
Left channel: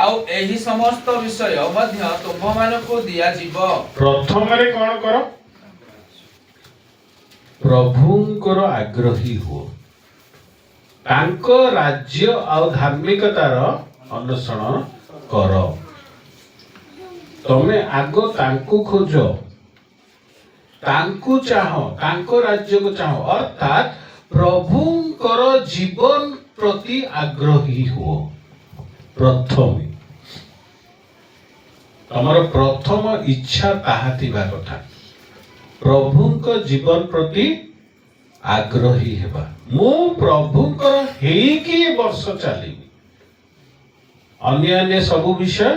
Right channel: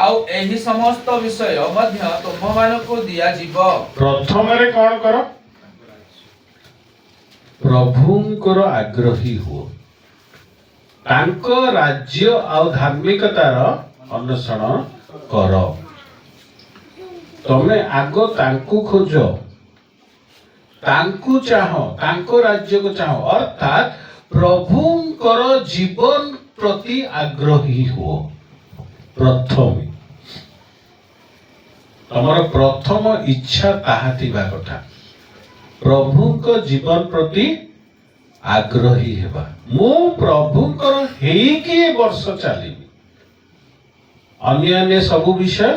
आउ एही समस्त विषय मध्य तुम्भ मानको दिया जीव प्रथम रे कोन करो प्रभुंकर आग्रही हो तांको राज्य और धार्मिकतार अनुसरण कर तमे आगो तांको खोजो तांको चाहो तांको राज्य को चाहो अर्थात प्रभुंकर जीवन प्रति आग्रही हो प्रथम तमर प्रथम इच्छा ताहा थिबा कथा प्रभुंक जीवन प्रति आग्रही हेबा मु प्रभुंकर हेकी वर्ष चलीबी अन्य अन्य सब विषय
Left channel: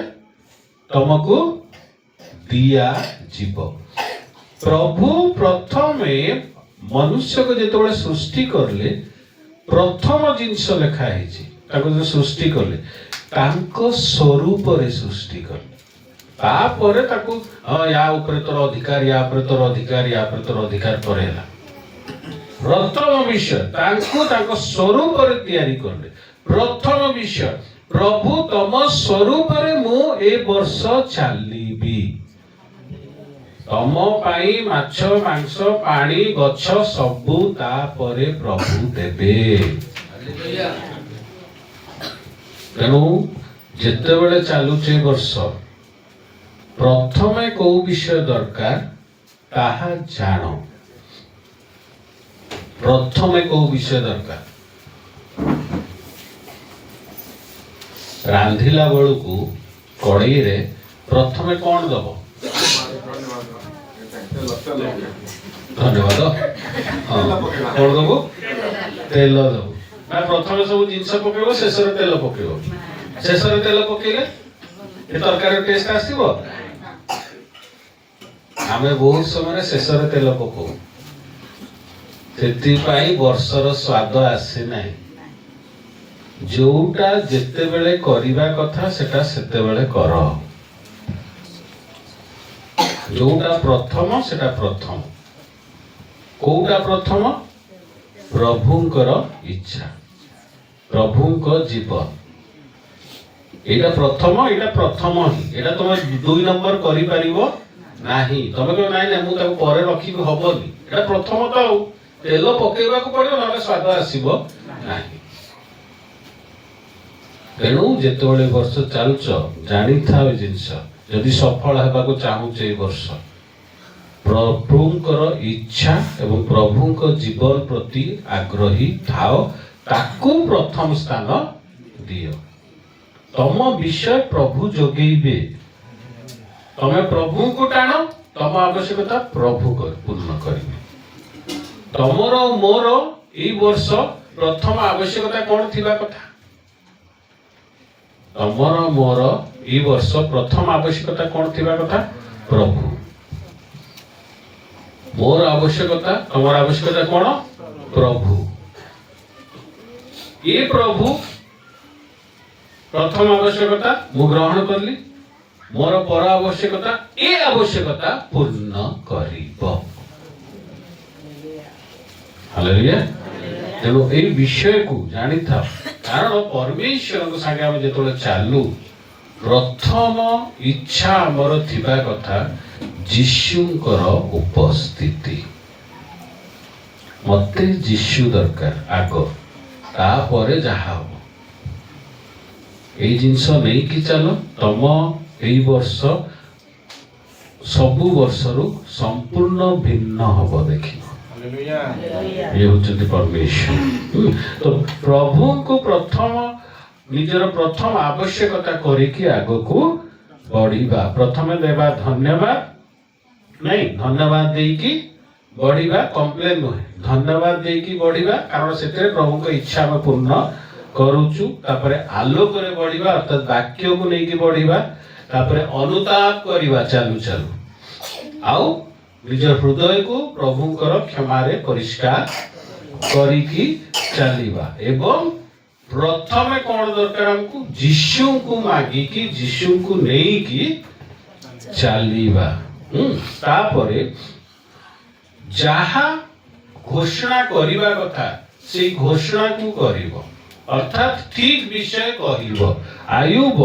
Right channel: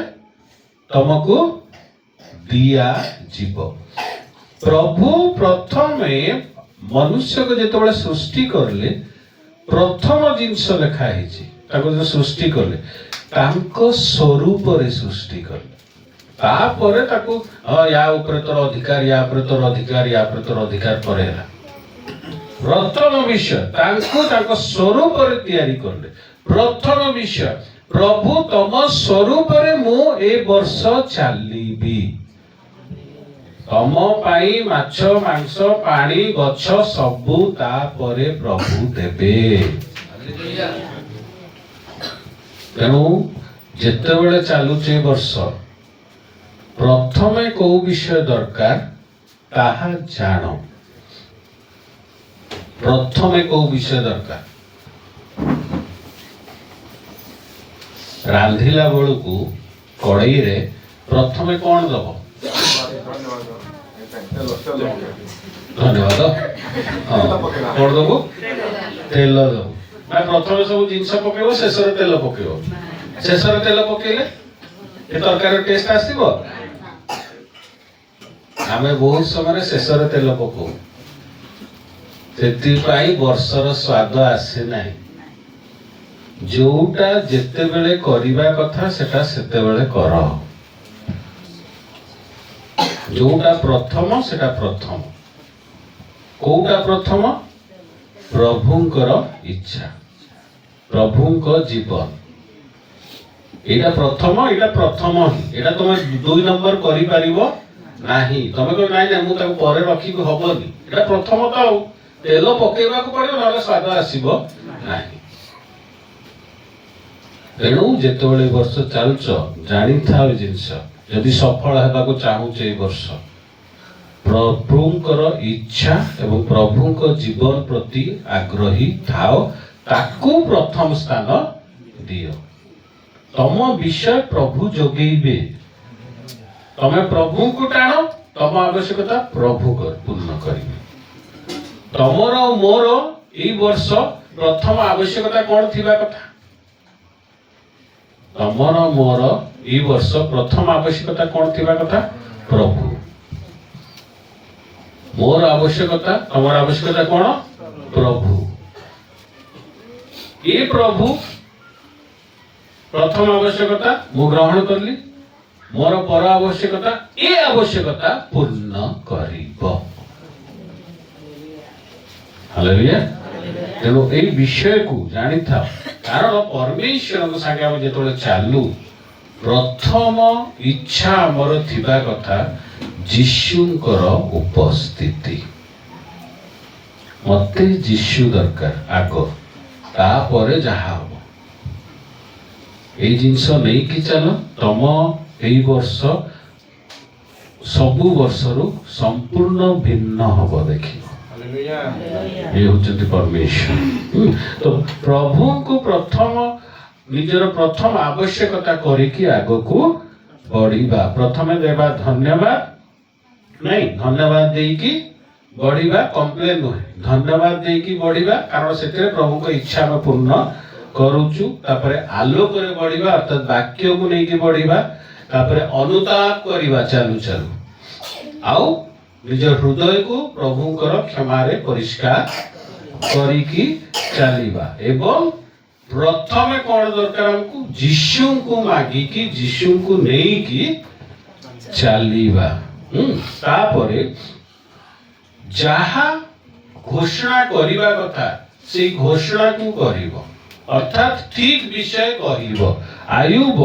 तुमको दिया जीव प्रभु प्रथमे मनुष्य को जेतबेले सृष्टि करले प्रथम जिंस लेखा हेछि ताको जे सृष्टि करले तांको स्वरूप रे सृष्टि करले तापरे ताको या ऊपर तोर अधिकार या ऊपर तोर अधिकार या ऊपर तोर अधिकार करेला प्रथम विषय तांको ताको स्वरूप रे तयारी करले प्रथम विषय प्रभु तम स्वरूप रे मु ए वर्ष चालीबी तम पाई माछ मांस पानी गछ सबु तापरे प्रभु देबे तेणु जेतेबेले चालुचे वर्ष प्रथमे को विषय दरकार ताहा जान प्रथमे को विषय दरकार रांधिला बेलू को कड़ई रे प्रथमे कौन दब धन्यवाद कौन दब तेल दब ना प्रथमे सब जिनस पकेबो शेष रे तेल पकेबो शेष रे तेल पकेले ए तरकारी टेस्ट आसीबो आमे बहुत समय शेष रे तेल पकाऊ से वर्षर स्वाद आसे नाही जोटा जेते बेले करिबा कथा सेटा सेते बेले कर जोटा प्रथम सेटा प्रथम कोटा प्रथम प्रभुंकर इच्छा प्रभुंक जीवन एटा प्रथम एटा तुम 2 नंबर करि परिबो नाही तमे को नाही ना मु ताको परे रखी हबनी एटा प्रथम तो तेल पकेबा को पड़ो ना स्वाद आसीबो नाही ତେଣୁ ଯେତେବେଳେ ଏ ବର୍ଷ ଚାଲୁଛ ଜାଣିଥାଅ ଏ ଜିନିଷ ଯଦି ସଫଳ ହେବାକୁ ଚାହୁଁଛ ଏ ବର୍ଷ ପ୍ରଭୁଙ୍କର ଇଚ୍ଛା ଏବଂ ପ୍ରଭୁଙ୍କ ଜୀବନ ପ୍ରତି ଆଗ୍ରହୀ ଥାଅ ତାକୁ ପ୍ରଥମ ସ୍ଥାନ ଦିଅ ତମ ବିଷୟ ପ୍ରଭୁ ଯୋଗେଇବେ ତମେ ପ୍ରଭୁଙ୍କୁ ଟାଣ ତମ ଆବଶ୍ୟକତା ପ୍ରଭୁ ପୂର୍ଣ୍ଣ କରିବେ ତମର ମୋର ଏଇ ବର୍ଷ ପ୍ରଥମ ଆବଶ୍ୟକତା କଣ ଥିବା କଥା ତମର ମୋର ଏଇ ବର୍ଷ ପ୍ରଥମ ଆବଶ୍ୟକତା କଣ ଥିବା କଥା ପ୍ରଭୁ ମୋର ଆବଶ୍ୟକତା ତମର ଆବଶ୍ୟକତା କଣ ପ୍ରଭୁ ଏ ପ୍ରଭୁ ପ୍ରଥମ ଆବଶ୍ୟକତା ମୁଁ ଗ୍ରହଣ କଲି ମୋର ପର ଆବଶ୍ୟକତା ଏ ଆବଶ୍ୟକତା ପୂର୍ଣ୍ଣ କରିବ ହାଲେଲୁୟା ତେଣୁ ଏଇ ବିଷୟକୁ ଜାଣିଥାଅ କାରଣ ପରମେଶ୍ୱରଙ୍କ ସାଙ୍ଗେ ଆମେ ଯେତେବେଳେ ଚାଲୁ ପ୍ରଥମ ଇଚ୍ଛା ଆମର ଥିବା କଥା ଯୀଶୁଙ୍କର ଉପସ୍ଥିତି ମତେ ଯୀଶୁ ଦରକାର ଆଗ ତାପରେ ଯାହା ହବ ଏଇ ଜିନିଷ ନେଇକି ଚାଲ ତମ ଏଇ ବର୍ଷ ସବୁ ବର୍ଷରୁ ସମ୍ପୂର୍ଣ୍ଣ ଭିନ୍ନ ହବ ଦେଖିବ ये होचंती परमेश्वर तो प्रभु को प्रथम निजर प्रथम आवश्यकता करिकी आगो को बढ़िबा प्रथम देबा धन्यवाद नहीं धन्यवाद देकी बढ़िबा कंप्लेन नहे धन्यवाद देकी बढ़िबा कारण सेते प्रभु को इच्छा में पूर्ण करूचु तापरे आलोक रे बढ़िबा अर्थात वाक्य को लेकी बढ़िबा तापरे अनुताप करिबा चालू चालू आउ निज हृदय को प्रभुଙ୍କର କ୍ଷମାରେ ପରିଷ୍କାର କରିକି ଚାଲିବା ଏବଂ ପ୍ରଥମେ କଣ ଦରକାର ଆମକୁ ଯୀଶୁଙ୍କୁ ମାଗିକି ଯୀଶୁଙ୍କୁ ନେଇକି ଚାଲିବା ତାପରେ ଯାହା ଘୋଷଣା କରିବା କଥା ସେଇ ଘୋଷଣାକୁ କରିବ ଅର୍ଥାତ ଠିକ ବିଷୟ କହିବ ଆୟୁବ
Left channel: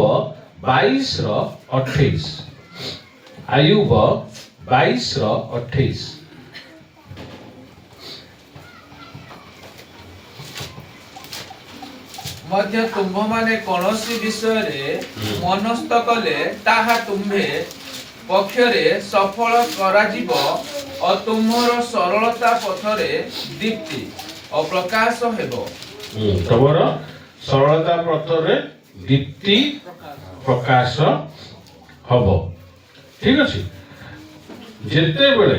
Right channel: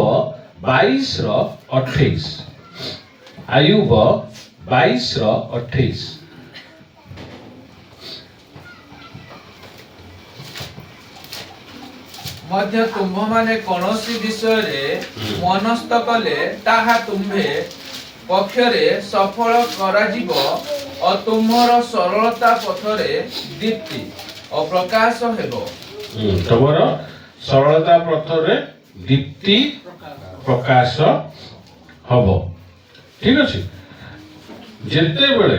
22:28 ଆୟୁବ 22:28 ମଧ୍ୟ ତୁମ୍ଭମାନେ କୌଣସି ବିଷୟରେ ମନସ୍ଥ କଲେ ତାହା ତୁମ୍ଭେ ପକ୍ଷରେ ସଫଳ କରାଯିବ ଓ ତୁମର ସରଳତା ପଥରେ ଦୀପ୍ତି ଓ ପ୍ରକାଶ ହେବ ତମର ସରଳତା ପଥରେ ଦୀପ୍ତି ପ୍ରକାଶ ହବ ଠିକ ଅଛି ଯେତେବେଳେ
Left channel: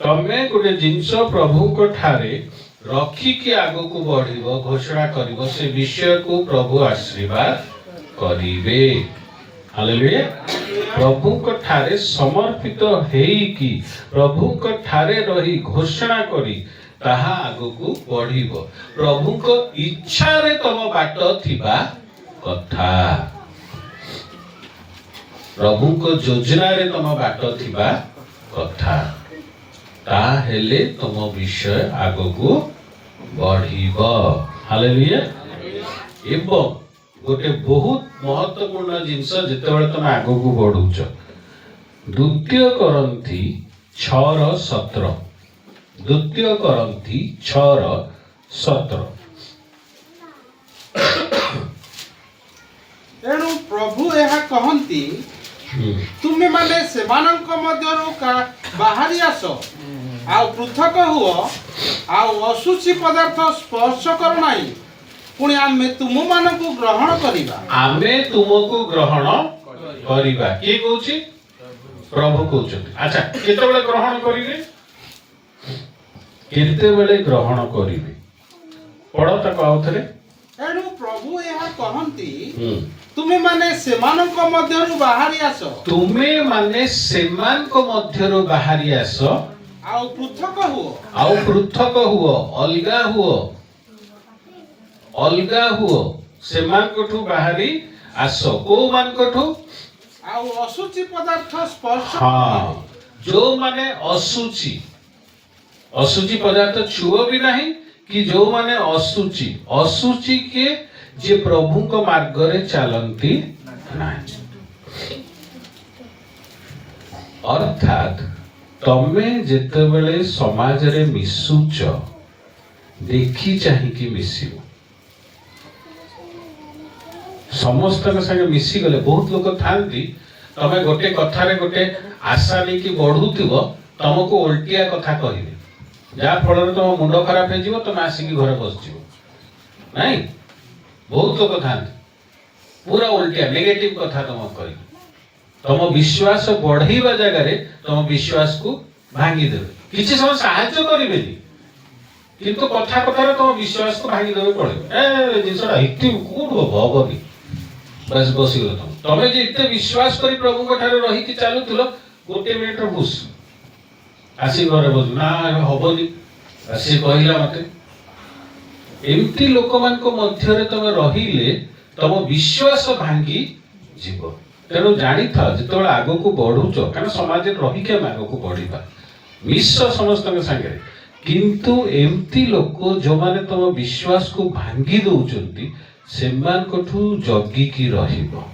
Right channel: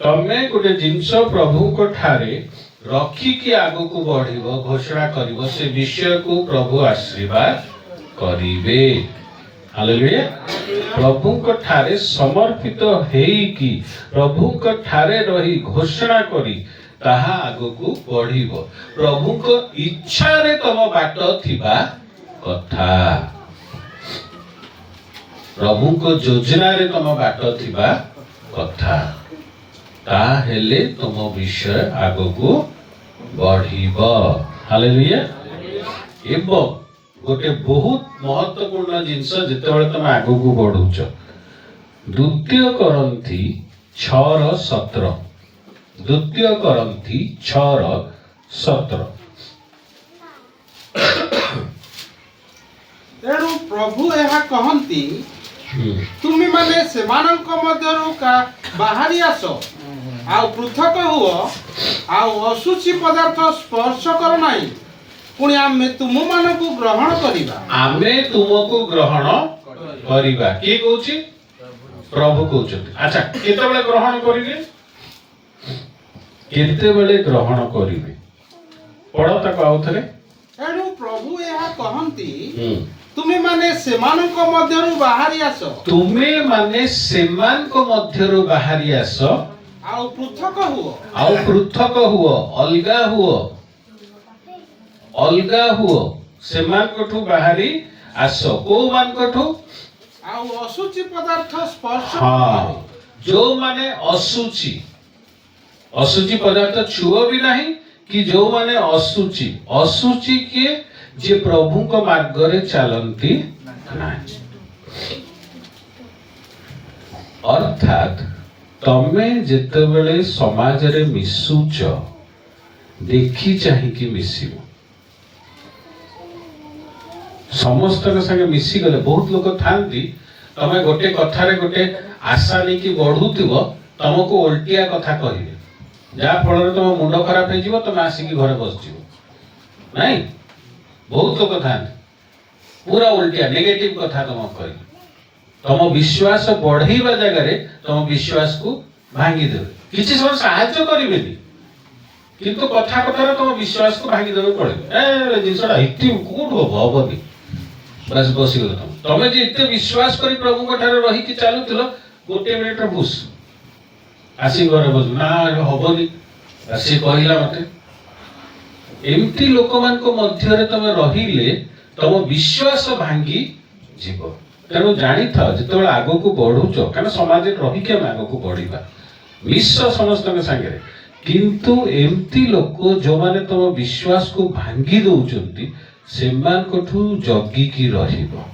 ତମେ ଗୋଟେ ଜିନିଷ ପ୍ରଭୁଙ୍କ ଠାରେ ରଖିକି ଆଗକୁ ବଢିବ ଘୋଷଣା କରିବ ସେ ବିଷୟକୁ ପ୍ରଭୁ ଆଶୀର୍ବାଦ କରିବେ ହାଲେଲୁୟା ପ୍ରଭୁଙ୍କ ଠାରେ ସମର୍ପିତ ହେଇକି ପ୍ରଭୁଙ୍କ ଠାରେ ରହି ଘୋଷଣା କରି ତାହା ଆଗକୁ ବଢିବ ପ୍ରଭୁଙ୍କ ଇଚ୍ଛାରେ ତମ ବାଟ ଥିବା କଥା ପ୍ରଭୁଙ୍କ ଯୋଜନାରେ ତମ ବାଟ ଥିବା କଥା ତାହେଲେ ତମ ବିଷୟ ଆଗକୁ ବଢିବ ହାଲେଲୁୟା ଏବଂ ଗୋଟେ ବହୁତ ମହତ୍ୱପୂର୍ଣ୍ଣ ଜିନିଷ ଯେତେବେଳେ ତମେ ଆଗକୁ ବଢୁଛ ଦ୍ୱିତୀୟ କରନ୍ଥୀ 6:17 ଦ୍ୱିତୀୟ କରନ୍ଥୀ 6:17 ତେଣୁ ପ୍ରଭୁ ଏହା କହନ୍ତି ତୁମେ ମାନେ ସେମାନଙ୍କ ମଧ୍ୟରୁ ବାହାରି ଆସ ଆଉ ପୃଥକ ହୁଅ ଆଉ ଅଶୁଚି ପଦାର୍ଥ ସ୍ପର୍ଶ କର ନାହିଁ ପୁଣି ଆମେ ତୁମମାନଙ୍କୁ ଗ୍ରହଣ କରିବା ଆମେ ତୁମକୁ ଗ୍ରହଣ କରିବା କିଏ କହୁଛି ପ୍ରଭୁ କହୁଛନ୍ତି ଆଚ୍ଛା କେତେବେଳେ ଗ୍ରହଣ କରିବେ କେତେବେଳେ ଗ୍ରହଣ କରିବେ ପଢ ତାକୁ ଆଉ ଥରେ ତେଣୁ ପ୍ରଭୁ ଏହା କହନ୍ତି ତୁମେ ମାନେ ସେମାନଙ୍କ ମଧ୍ୟରୁ ବାହାରି ଆସ ତୁମେ ମାନେ ସେମାନଙ୍କ ମଧ୍ୟରୁ ବାହାରି ଆସ ଆଉ ପୃଥକ ହୁଅ ଅଲଗା ହୁଅ ସେମାନଙ୍କଠୁ ବାହାରି ଆସ କୋଉମାନଙ୍କଠୁ ଆଉ ଅଶୁଚି ପଦାର୍ଥ ସ୍ପର୍ଶ ଯୋଉମାନେ ଅଶୁଚି ପଦାର୍ଥ ଛୁଅ ବି ନାହିଁ କି ଯୋଉମାନେ ଅଶୁଚି କିଏ ଯେ ପ୍ରଭୁଙ୍କ ମାର୍ଗରେ ଚାଲନ୍ତି ନାହିଁ ଅର୍ଥାତ ତମେ ଯେତେବେଳେ ସମାଜରେ ମିଶୁଛ ଦେଖି ଚାହିଁକି ମିଶିବ समस्त संगे मिसी गले बहुत लोक थांती तमे गोटे कथारे गोटे आशा नहीं कि बढ़ुथिबो तुमको उल्टिया कथा कहिबे जहाँ फल तुम मुंड खराब हो तुम आसिक घर बस नहीं बहुत लोग था पूरा उल्टिया नेगेटिव कथा तुम कह तुम विश्वास बढ़ेवा जगह तुम विश्वास को भांगी देवे किसी समय साहाय्य करेनि किंतु कथा कथा तुम विश्वास को भांगी देवे पड़े जिनसा कौट हम भी बस बसीगल तुम जे इतने विश्वास कर प्रभु रही चलुल गोटे मिनिट बुस आसी घर बस ना हबनी सी कहला मते एमती लोक मान मध्य तुम रहिले तुम विश्वास भांगी जीव तेणु जानी था जो आग को बढ़ुच कारण समाज रही आग को बढ़ा मिश्र समस्त सागे किंतु एमती लोक जो माने तुम विश्वास को भांगी दौरान से जगिकी रहिबो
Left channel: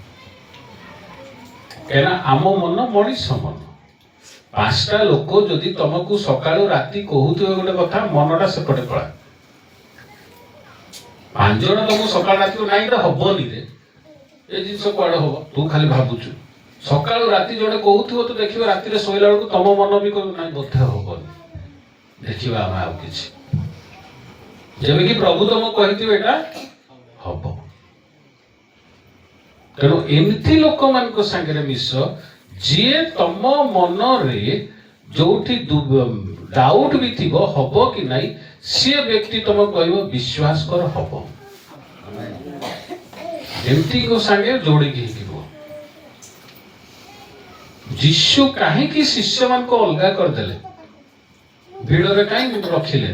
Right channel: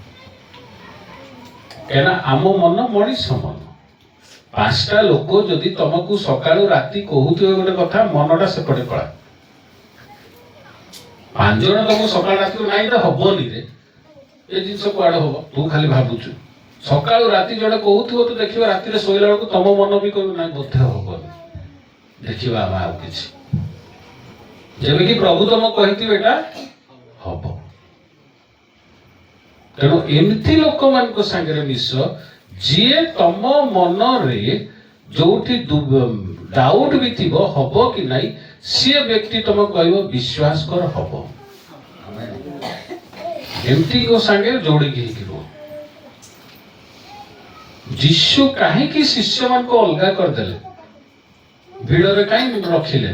कहना आम मन मनीष मन पांचटा लोक जदि तुमको सकाळु राति कहूथे गोटे कथा मनटा सेपटे पड़ा पांच जन तुमको सकाळ राति को नाई हबनी रे ए जिनस कुआडे हम तू खाली भावुचु सकाळु राति जड़े कहूथिबो तो देखिबो राति रे सोइला बेलको तुम मन भी कहू नाई बोधे हबनी देखिबा आम आउ किछि जेबे कि प्रभु तुम कहिथिबे एटा हब तेणु एमती लोक मान संगे मिश जी तम मन रे जोठी डाउट भी थी हम कि नहीं सी व्यक्ति तुम कह विश्वास कर हम एमती को संगे जोड़ी जीशु कहीं शिष्य मान को अलगा करदेले भिड़े कहीं रखिले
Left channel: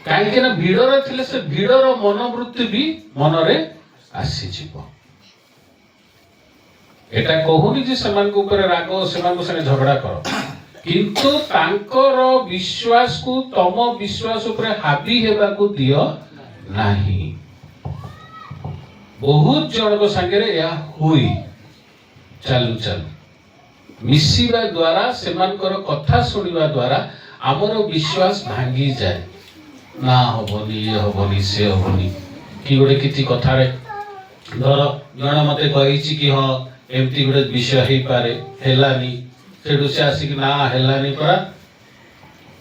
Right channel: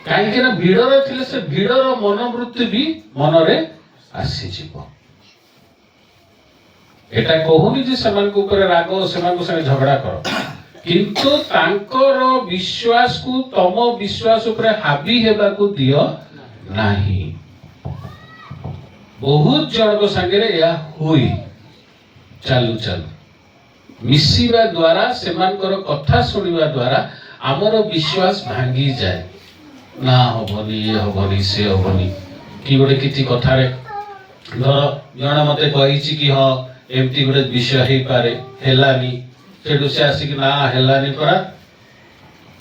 कहीं भिड़े थे से भिड़र मनोवृत्ति भी मन रे आसीजिव एटा कहूनी जे समान को ऊपर राग समान संगे झगड़ा कर किंतु तांकर विश्वास को तम विश्वास ऊपर हावी हेबा को दियो नाही बहुत जन को संगे रे या हुई चालू चालू मिसिबा द्वारा सेमानकर कथा सुनिबा द्वारा हमर विश्वास भांगी जाए ना हबनी से हबनी कि गोटे किछि कथा रे धर जण मते कहिछि कि हां एमती गोटे विषय हो पारे हेलानी सेठू से आसिक ना हेलानी परा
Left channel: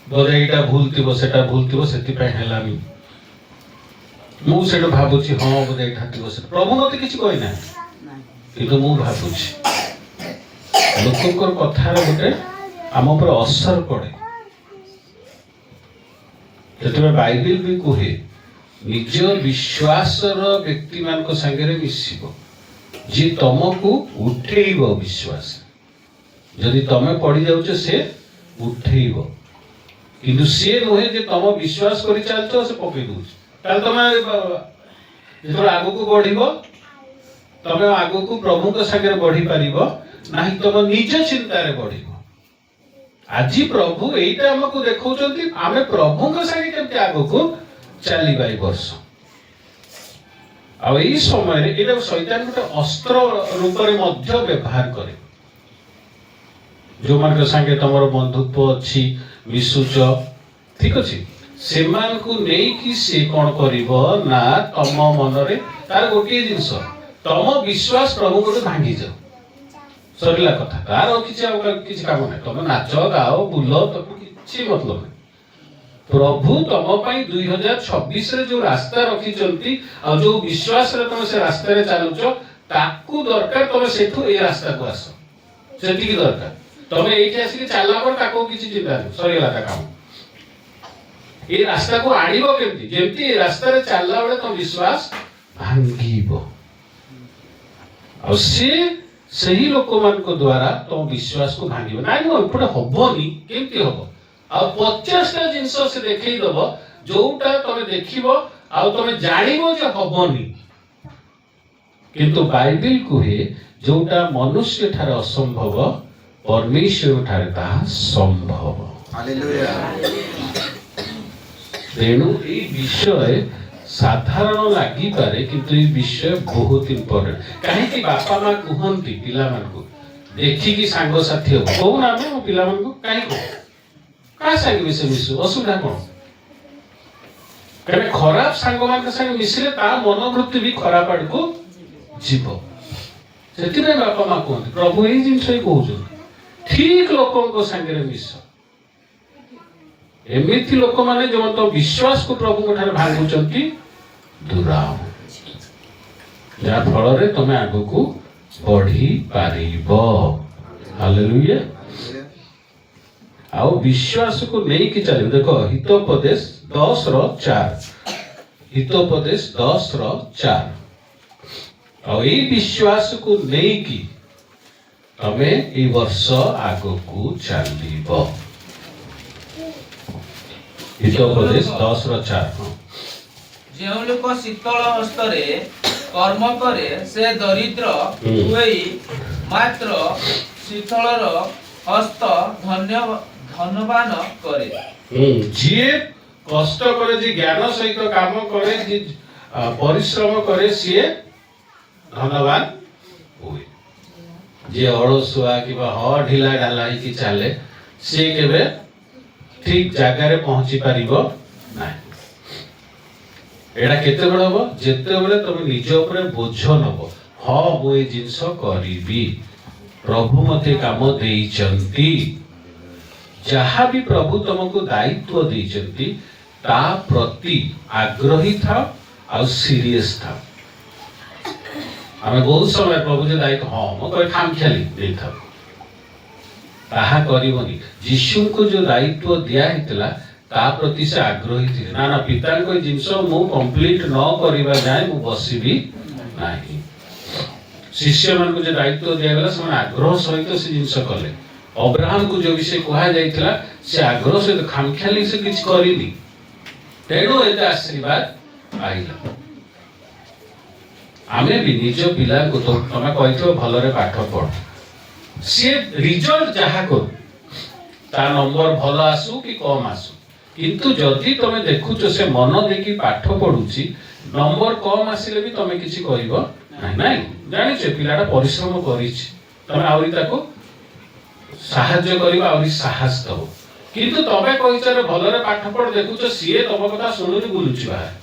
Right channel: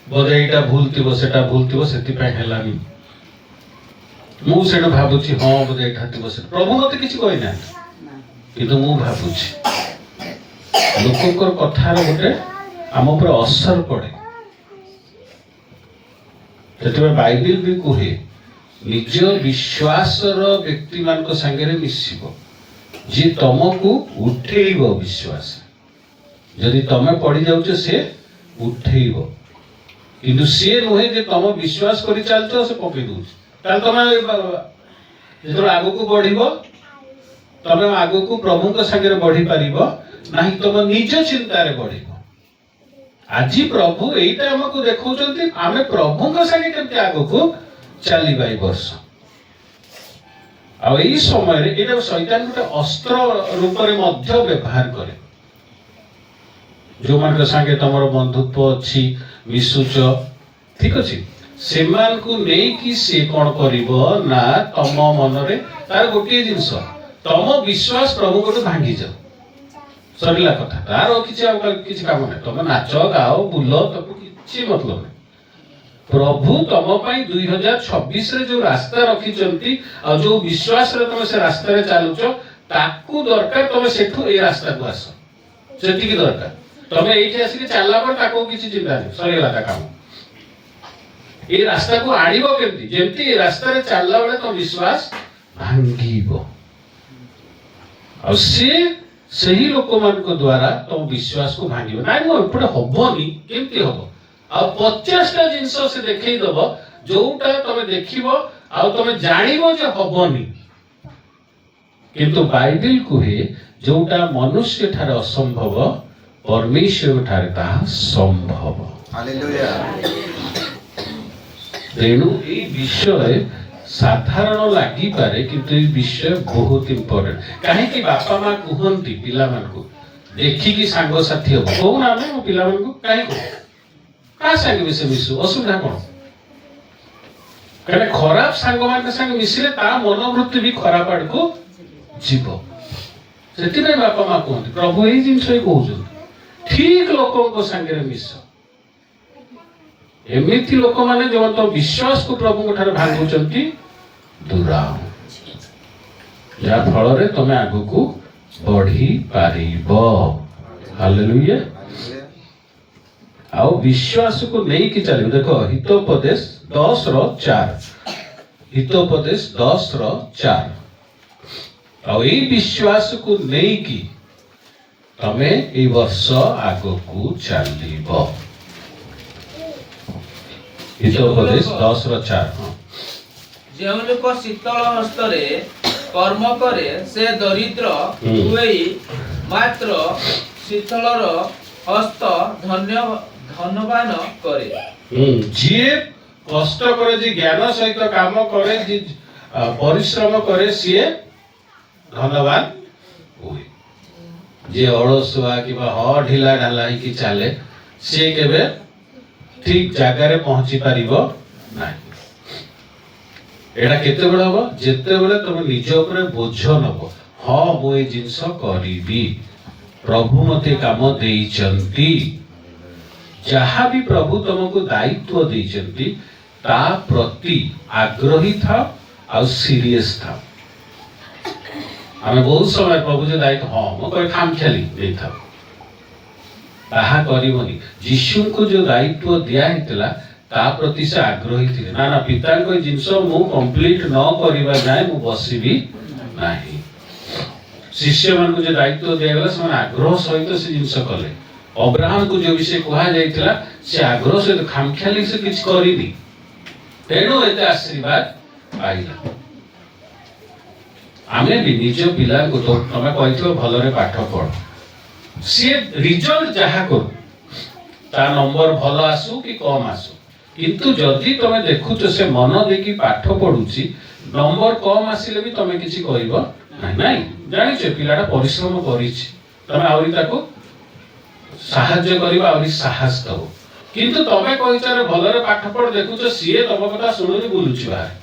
बोधे एटा भूल थिबो सेटा भूल थिबो सेति पय हेलानी मु सेठू भाबुछि हां बोधे एटा थिबो से प्रभु मते किछि कहि ना किंतु मु भाबुछि लोककर कथार गोटे आम ऊपर असर पड़े सेतबे बाइबल भी कहे निज विश्वासर व्यक्ति मान संगे मिसिबो जी तुमको उठेब विश्वास जदि तुम पड़ जाऊच से उठेब किंतु सी नुहे जे तुम विश्वास कर चलते से पकई दूस तुम जो आग को बढ़ तुम आग को प्रभु संगे बढ़ी पार ना तुम निज चिंतार बढ़ आज प्रभु यहीटा आमको देखते आम प्रभु संगे केमती आग को चलवा वर्ष आ समय शैतान गोटे अस्त्र रूप में व्यवहार करे जो मान संगे तुम बंधुत्व अच्छी मिशुच ठीक अच्छे से कौन कर ना तुम मन रे तार गोटे जिनस तुम विश्वास प्रभु को भांगी जाओ सरला कथा तार किसी काम ना तुम नाच गाओ बुल तुम कि मतलब नहीं प्रभु तुम 2026 रे जो रास्ता रखी जो विश्वास रे तुम से रास्ता रे चलुच ताकू दरकार तुम सेठू ए रास्ता को आस सेठी की दरकार तुम एठी आसी चलला पर ताको किछि चिंता नहीं सरीला ता काम ए रास्ता को आड़ीबो केमती जेमती ए रास्ता रे चलला बेले तुम विश्वास भांगीबो और से सही लोक मान को द्वारा तुम विश्वास को भांगीबो नाइ न एपटे हबनी केमती हबो आ 50टा जिनस से देखई दब जोटा तमे देखिबो आ तमे जानिबो जे हबनी किंतु बाइबल कहे जोटा मनुष्य ठार असंभव परमेश्वर ठार ता संभव हालेलुया तेणु ए विषय साधारण लगी पारे किंतु ए विषय बहुत इंपोर्टेंट काहे कि बापा मां कहंती पिला मान को देखि कि सांग साथी हो को ना मो पिला मान को काहे को का संगे से मिसु असुविधा कौन କାରଣ ଖରାପ ସାଙ୍ଗମାନଙ୍କ ସାଙ୍ଗେ ମିଶିଲେ ତା ମନୋବୃତ୍ତି ବି ଖରାପ ଆଡକୁ ଯିବ। ସେଥିପାଇଁ ବାପା ମା କୁହନ୍ତି, ପ୍ରଭୁ ଏଇ ଜିନିଷ ହିଁ କହୁଛନ୍ତି, ଠିକ ଲୋକଙ୍କ ସାଙ୍ଗରେ ମିଶ। ଏମିତି ଲୋକମାନେ ଯୋଉ ତ ବିଶ୍ୱାସକୁ ପ୍ରଭୁଙ୍କ ଠାରୁ ଭାଙ୍ଗୁଛନ୍ତି ଦୂରାଅ, ଯାହା ଫଳରେ ତମେ ଆଗକୁ ବଢି ପାରିବ। ହାଲେଲୁୟା। ଆଉ ବିଶ୍ୱାସକୁ ନେଇକି ଚାଲିବ। ଦେଖ ହିତୋପଦେଶ 10:4, ହିତୋପଦେଶ 10:4। ଆଉ ଏଇ ବିଶ୍ୱାସକୁ ନେଇକି ତମେ ଏଇ ବର୍ଷ ଆଗକୁ ଚାଲିବ। ହିତୋପଦେଶ 10:4। ଯେଉଁ ଲୋକ ଶୀତଳ ହସ୍ତରେ କର୍ମ କରେ ସେ ଦରିଦ୍ର ହୁଏଇ ମାତ୍ର ଶୀତଳର ହସ୍ତ ଧନବାନ କରେ। ଯିଏ କଷ୍ଟ করে, যে জ্ঞান সহিত কাম করে, যে পরিশ্রম করে, সিଏ ধনবান ହୁଏ। যে ଅଳସୁଆ କିମ୍ବା ଢିଲା ଢାଲା ହେଇକି ଚାଲେ, ସିଏ କେବେ ଠିକ ଜାଗାରେ ପହଞ୍ଚି ପାରିବ ନାହିଁ। ଏଇଟା କେତେବେଳେ ହବ? ଯେତେବେଳେ ତମେ ନିଜ ଉପରେ ବୋଝ ନବ। ହଁ, ମୁଁ ଏଇ ଜିନିଷ କରିବି, ପ୍ରଭୁ ମତେ କାମ ଦେଇଛନ୍ତି। ଯାହା ବି ପ୍ରଭୁ ତମକୁ ଦାୟିତ୍ୱ ଦେଇଛନ୍ତି ତା ପ୍ରତି ଆଗ୍ରହୀ ଥାଅ ଆଉ ସିରିୟସ୍ ଥାଅ। ଆମେ ବହୁତ ସମୟ ପ୍ରଭୁ ଯେ ଦାୟିତ୍ୱ, ହଁ ମୁଁ କହି ଖାମଖିଆଲି ଦେଇଥାଉ, ତାହା କରିବନି। ଯୀଶୁଙ୍କୁ ଯୋଉ ଦାୟିତ୍ୱ ଦିଆ ହେଇଥିଲା ତା ପ୍ରତି ସେ ଆଗ୍ରହୀ ଥିଲେ। ନା ନା, ପିତାଙ୍କ ଜିନିଷ ମୁଁ କମ୍ପ୍ଲିଟ ନ କରିବା ଯାଏ ମୁଁ ବସିବି ନାହିଁ। ଶିଷ୍ୟମାନଙ୍କୁ ଯୋଉ ଦାୟିତ୍ୱ ଦିଆଗଲା ସେମାନେ ଆଗ୍ରହ ସହିତ ସେ ଜିନିଷ କଲେ। ଅବ୍ରାହମକୁ ଯୋଉ ବିଷୟ କୁହାଯାଇଥିଲା ସେ ଆଗ୍ରହ ସହିତ, ଖାମଖିଆଲି ସେ କିଛି କରିନି, ତେଣୁ ଏତେ ଆଶୀର୍ବାଦ ପାଇଲା। ଆମେ ବି ନିଜ ପିଲାଙ୍କୁ, ତମେ କହିଥିବ ଭଲରେ ପାଠ ପଢ, ସିଏ ରିଜଲ୍ଟ ଯାହା କରୁ, ତା ନମ୍ବର ଭଲ ଆସୁ କି କମ ଆସୁ, କିନ୍ତୁ ଯଦି ତମେ ଦେଖୁଛ ସେ ମନ ଦେଇକି ପାଠ ପଢୁଛି, ନମ୍ବର କମ ଆସିଲେ ବି ତମେ କିଛି କହିବ ନାହିଁ। ଜାଣିଛ ପିଲାଟା ପରିଶ୍ରମ କରିଛି, ତମେ ଆହୁରି ତାକୁ ସାହାଯ୍ୟ କରିବ, ଆହୁରି ସାହସ ଦବ। କିନ୍ତୁ ତମେ କହିଛ ଭଲରେ ପାଠ ପଢ, ଦେଖୁଛ ସିଏ ତମ କଥା ଶୁଣୁନି, ବୁଲୁଛି ବାହାରେ,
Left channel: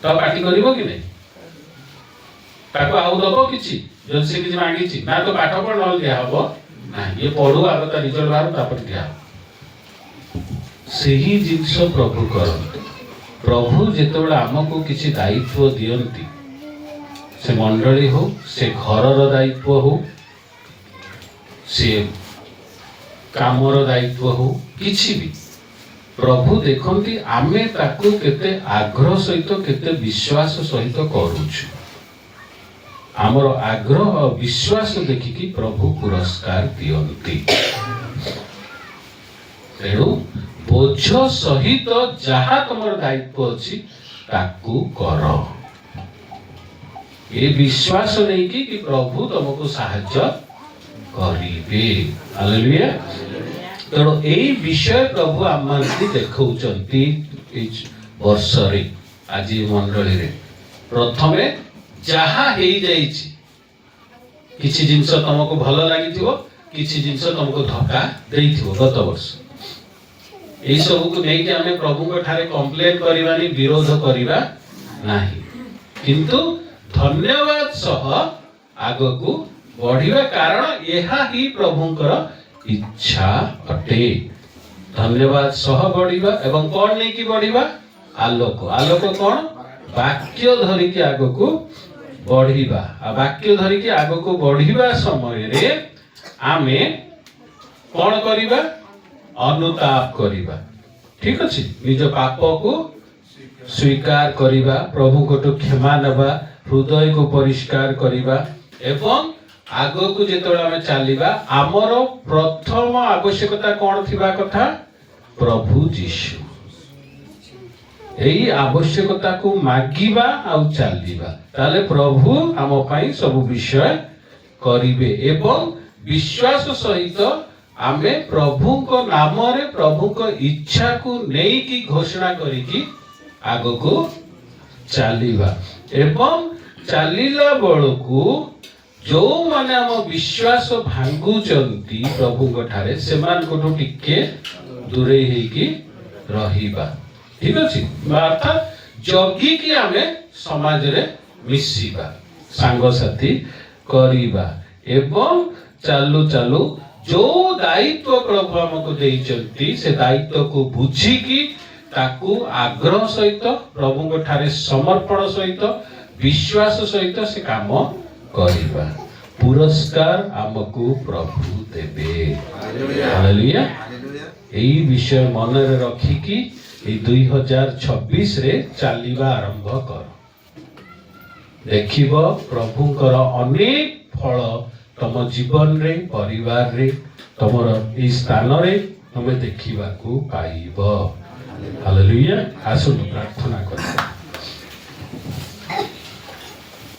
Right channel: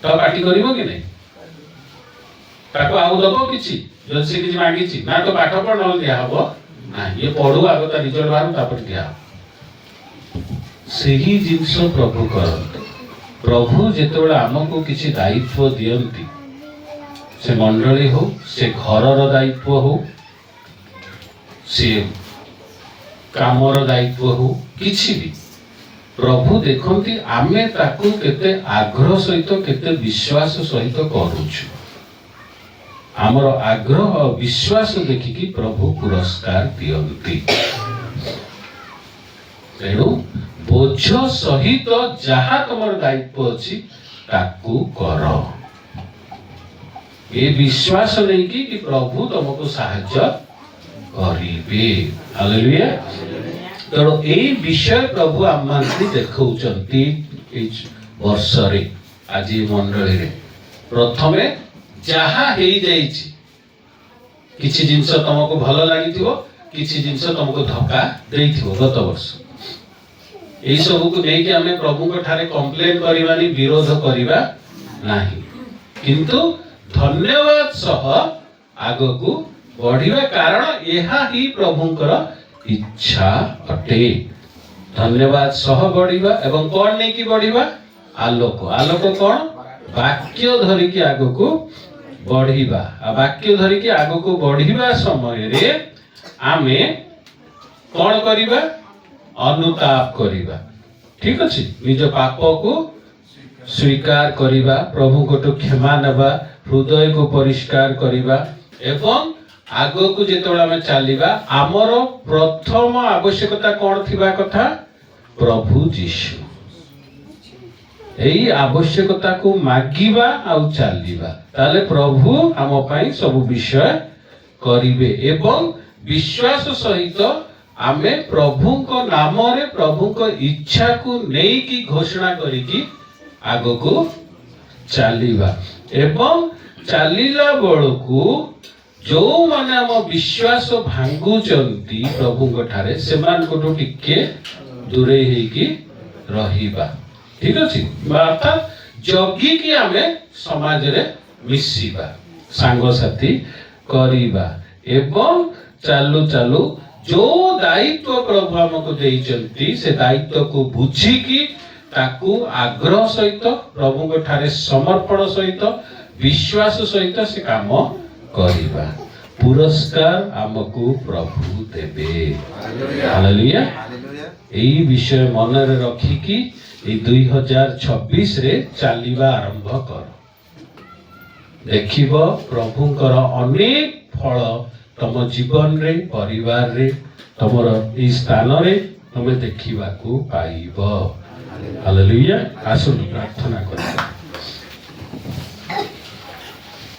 ତ ପାଟି କରିବ କି ନାହିଁ? ତାକୁ ଆଉ ଦବ କିଛି? ଯଦି ସେ କିଛି ମାଗିଛି, ନା ତ ପାଠ ପଢ ନହେଲେ ଦିଆ ହବ ନାହିଁ, ଇଏ ପଢୁ, ଆଗ ତା ରିଜଲ୍ଟ ବାହାରୁ, ତାପରେ ଦିଆ ହବ। ସେହି ଜିନିଷ ପ୍ରଭୁ କରନ୍ତି। ପ୍ରଭୁ ଯେତେବେଳେ ଆମକୁ କିଛି ଦାୟିତ୍ୱ ଦିଅନ୍ତି, ସେ ମଣ୍ଡଳୀ ହଉ, ସେ ଘରର ଦାୟିତ୍ୱ ହଉ, ସେ କାମର ଦାୟିତ୍ୱ ହଉ, କିଛି ବି, ପ୍ରଭୁ ଦେଖନ୍ତି ଆମେ ତାକୁ କେତେ ଆଗ୍ରହ ସହିତ, କେତେ ବିଶ୍ୱାସ ସହିତ କରୁଛୁ। ଆମର ଆଗ୍ରହ ଆଉ ବିଶ୍ୱାସ ଦେଖିକି ପ୍ରଭୁ ପୁରସ୍କାର ଦିଅନ୍ତି। ତେଣୁ ବୋଝ ସହିତ ଯାହା ତମର ଦାୟିତ୍ୱ ଅଛି ତାକୁ କର, ଏ ବିଶ୍ୱାସ ନେଇକି କି ପ୍ରଭୁ ତମକୁ ସାହାଯ୍ୟ କରିବେ। ହାଲେଲୁୟା। ତେଣୁ ଏଇ ବିଷୟ ପ୍ରଭୁ ଆମମାନଙ୍କୁ ଦେଖାଉଛନ୍ତି ଏଇ ବର୍ଷରେ, ଆଜି ମଣ୍ଡଳୀରେ। ପ୍ରଥମେ ଯାହା ହେଇଯାଇଛି, କିଛି ଜିନିଷ ତମକୁ ଭଲ ଲାଗିଥିବ, କିଛି ଜିନିଷ ତମକୁ ଧକ୍କା ଦେଇଥିବ ଗତ ବର୍ଷ, ଏଇ ସବୁକୁ ନେଇକି ଆମେ ପ୍ରଭୁଙ୍କ ଠାରେ କମ୍ପ୍ଲେନ କରିବାନି, ବିରୋଧ କରିବା ନାହିଁ, କିନ୍ତୁ ଧନ୍ୟବାଦ ସହ ଆଗକୁ ବଢିବା, କାରଣ ଏହା ହିଁ ପ୍ରଭୁଙ୍କର ଇଚ୍ଛା ଅଟେ। ଧନ୍ୟବାଦ ସହ ବଢିବା ଏବଂ କଣ ନେଇକି ବଢିବା? ଆଲୋକ। ଆଲୋକ କଣ? ବାକ୍ୟ ଧରିକି ଆଗକୁ ବଢିବା। ଆଉ ବାକ୍ୟ ଧରିକି ଆଗକୁ ବଢିବା ସମୟରେ ଆମେ କଣ କରିବା? ଅନୁତାପ କରିବା। ଠିକ ଅଛି? ନିଜ ପାପକୁ ସ୍ୱୀକାର କରିବା, ପ୍ରଭୁଙ୍କଠୁ କ୍ଷମା ନେବା, ହୃଦୟକୁ ପରିଷ୍କାର କରିବା ଏବଂ ଆଗକୁ ଯେତେବେଳେ ଆମେ ଚାଲିବା, ଆମର ପ୍ରଥମ ଆବଶ୍ୟକତା କଣ ଥିବା କଥା? ପ୍ରଭୁ ଯୀଶୁ। ଏଇ ଆବଶ୍ୟକତାକୁ ମାଗିବା ଆଉ ଚାଲିବା, ତାହେଲେ ପ୍ରଭୁ ଆମ ପାଇଁ ସବୁ ବିଷୟ କରିବେ ଏବଂ ବିଶ୍ୱାସ ସହିତ ଆମେ ପ୍ରଭୁଙ୍କ ନାମରେ ପ୍ରଭୁଙ୍କ ଇଚ୍ଛାକୁ ନେଇକି ଘୋଷଣା କରିକି ଆଗକୁ ଚାଲିବା। ଏବଂ ଚାଲିଲା ବେଳକୁ ଯୋଉମାନେ ଆମ ବିଶ୍ୱାସ ଭାଙ୍ଗୁଛନ୍ତି ପ୍ରଭୁଙ୍କ ଠାରେ, ସେମାନଙ୍କଠୁ ଟିକେ ଦୂରେଇ ହେଇକି ରହିବା। ठीक अच्छे अर्थात जगिकी आमे समाज रे मिसिबा सांगसाथी करिबा एवं चालू चालू जो दायित्व प्रभु हमको देइचंती से दायित्व को बुझिकी ताकू आग्रह सहित प्रभु को ठारे समर्पण सहित विश्वास सहित से काम करिबा पुरस्कार हमको प्रभु देबे हालेलुया एई विषय मन रे रखिकी ए 2026 रे चालिबा आरंभ कर देखिबो प्रभुंकर अनेक फल तम जीवन रे परिवार रे तमर ई स्थान रे तमे देखिबा को पाइबो हालेलुया आसु प्रार्थना करिबा।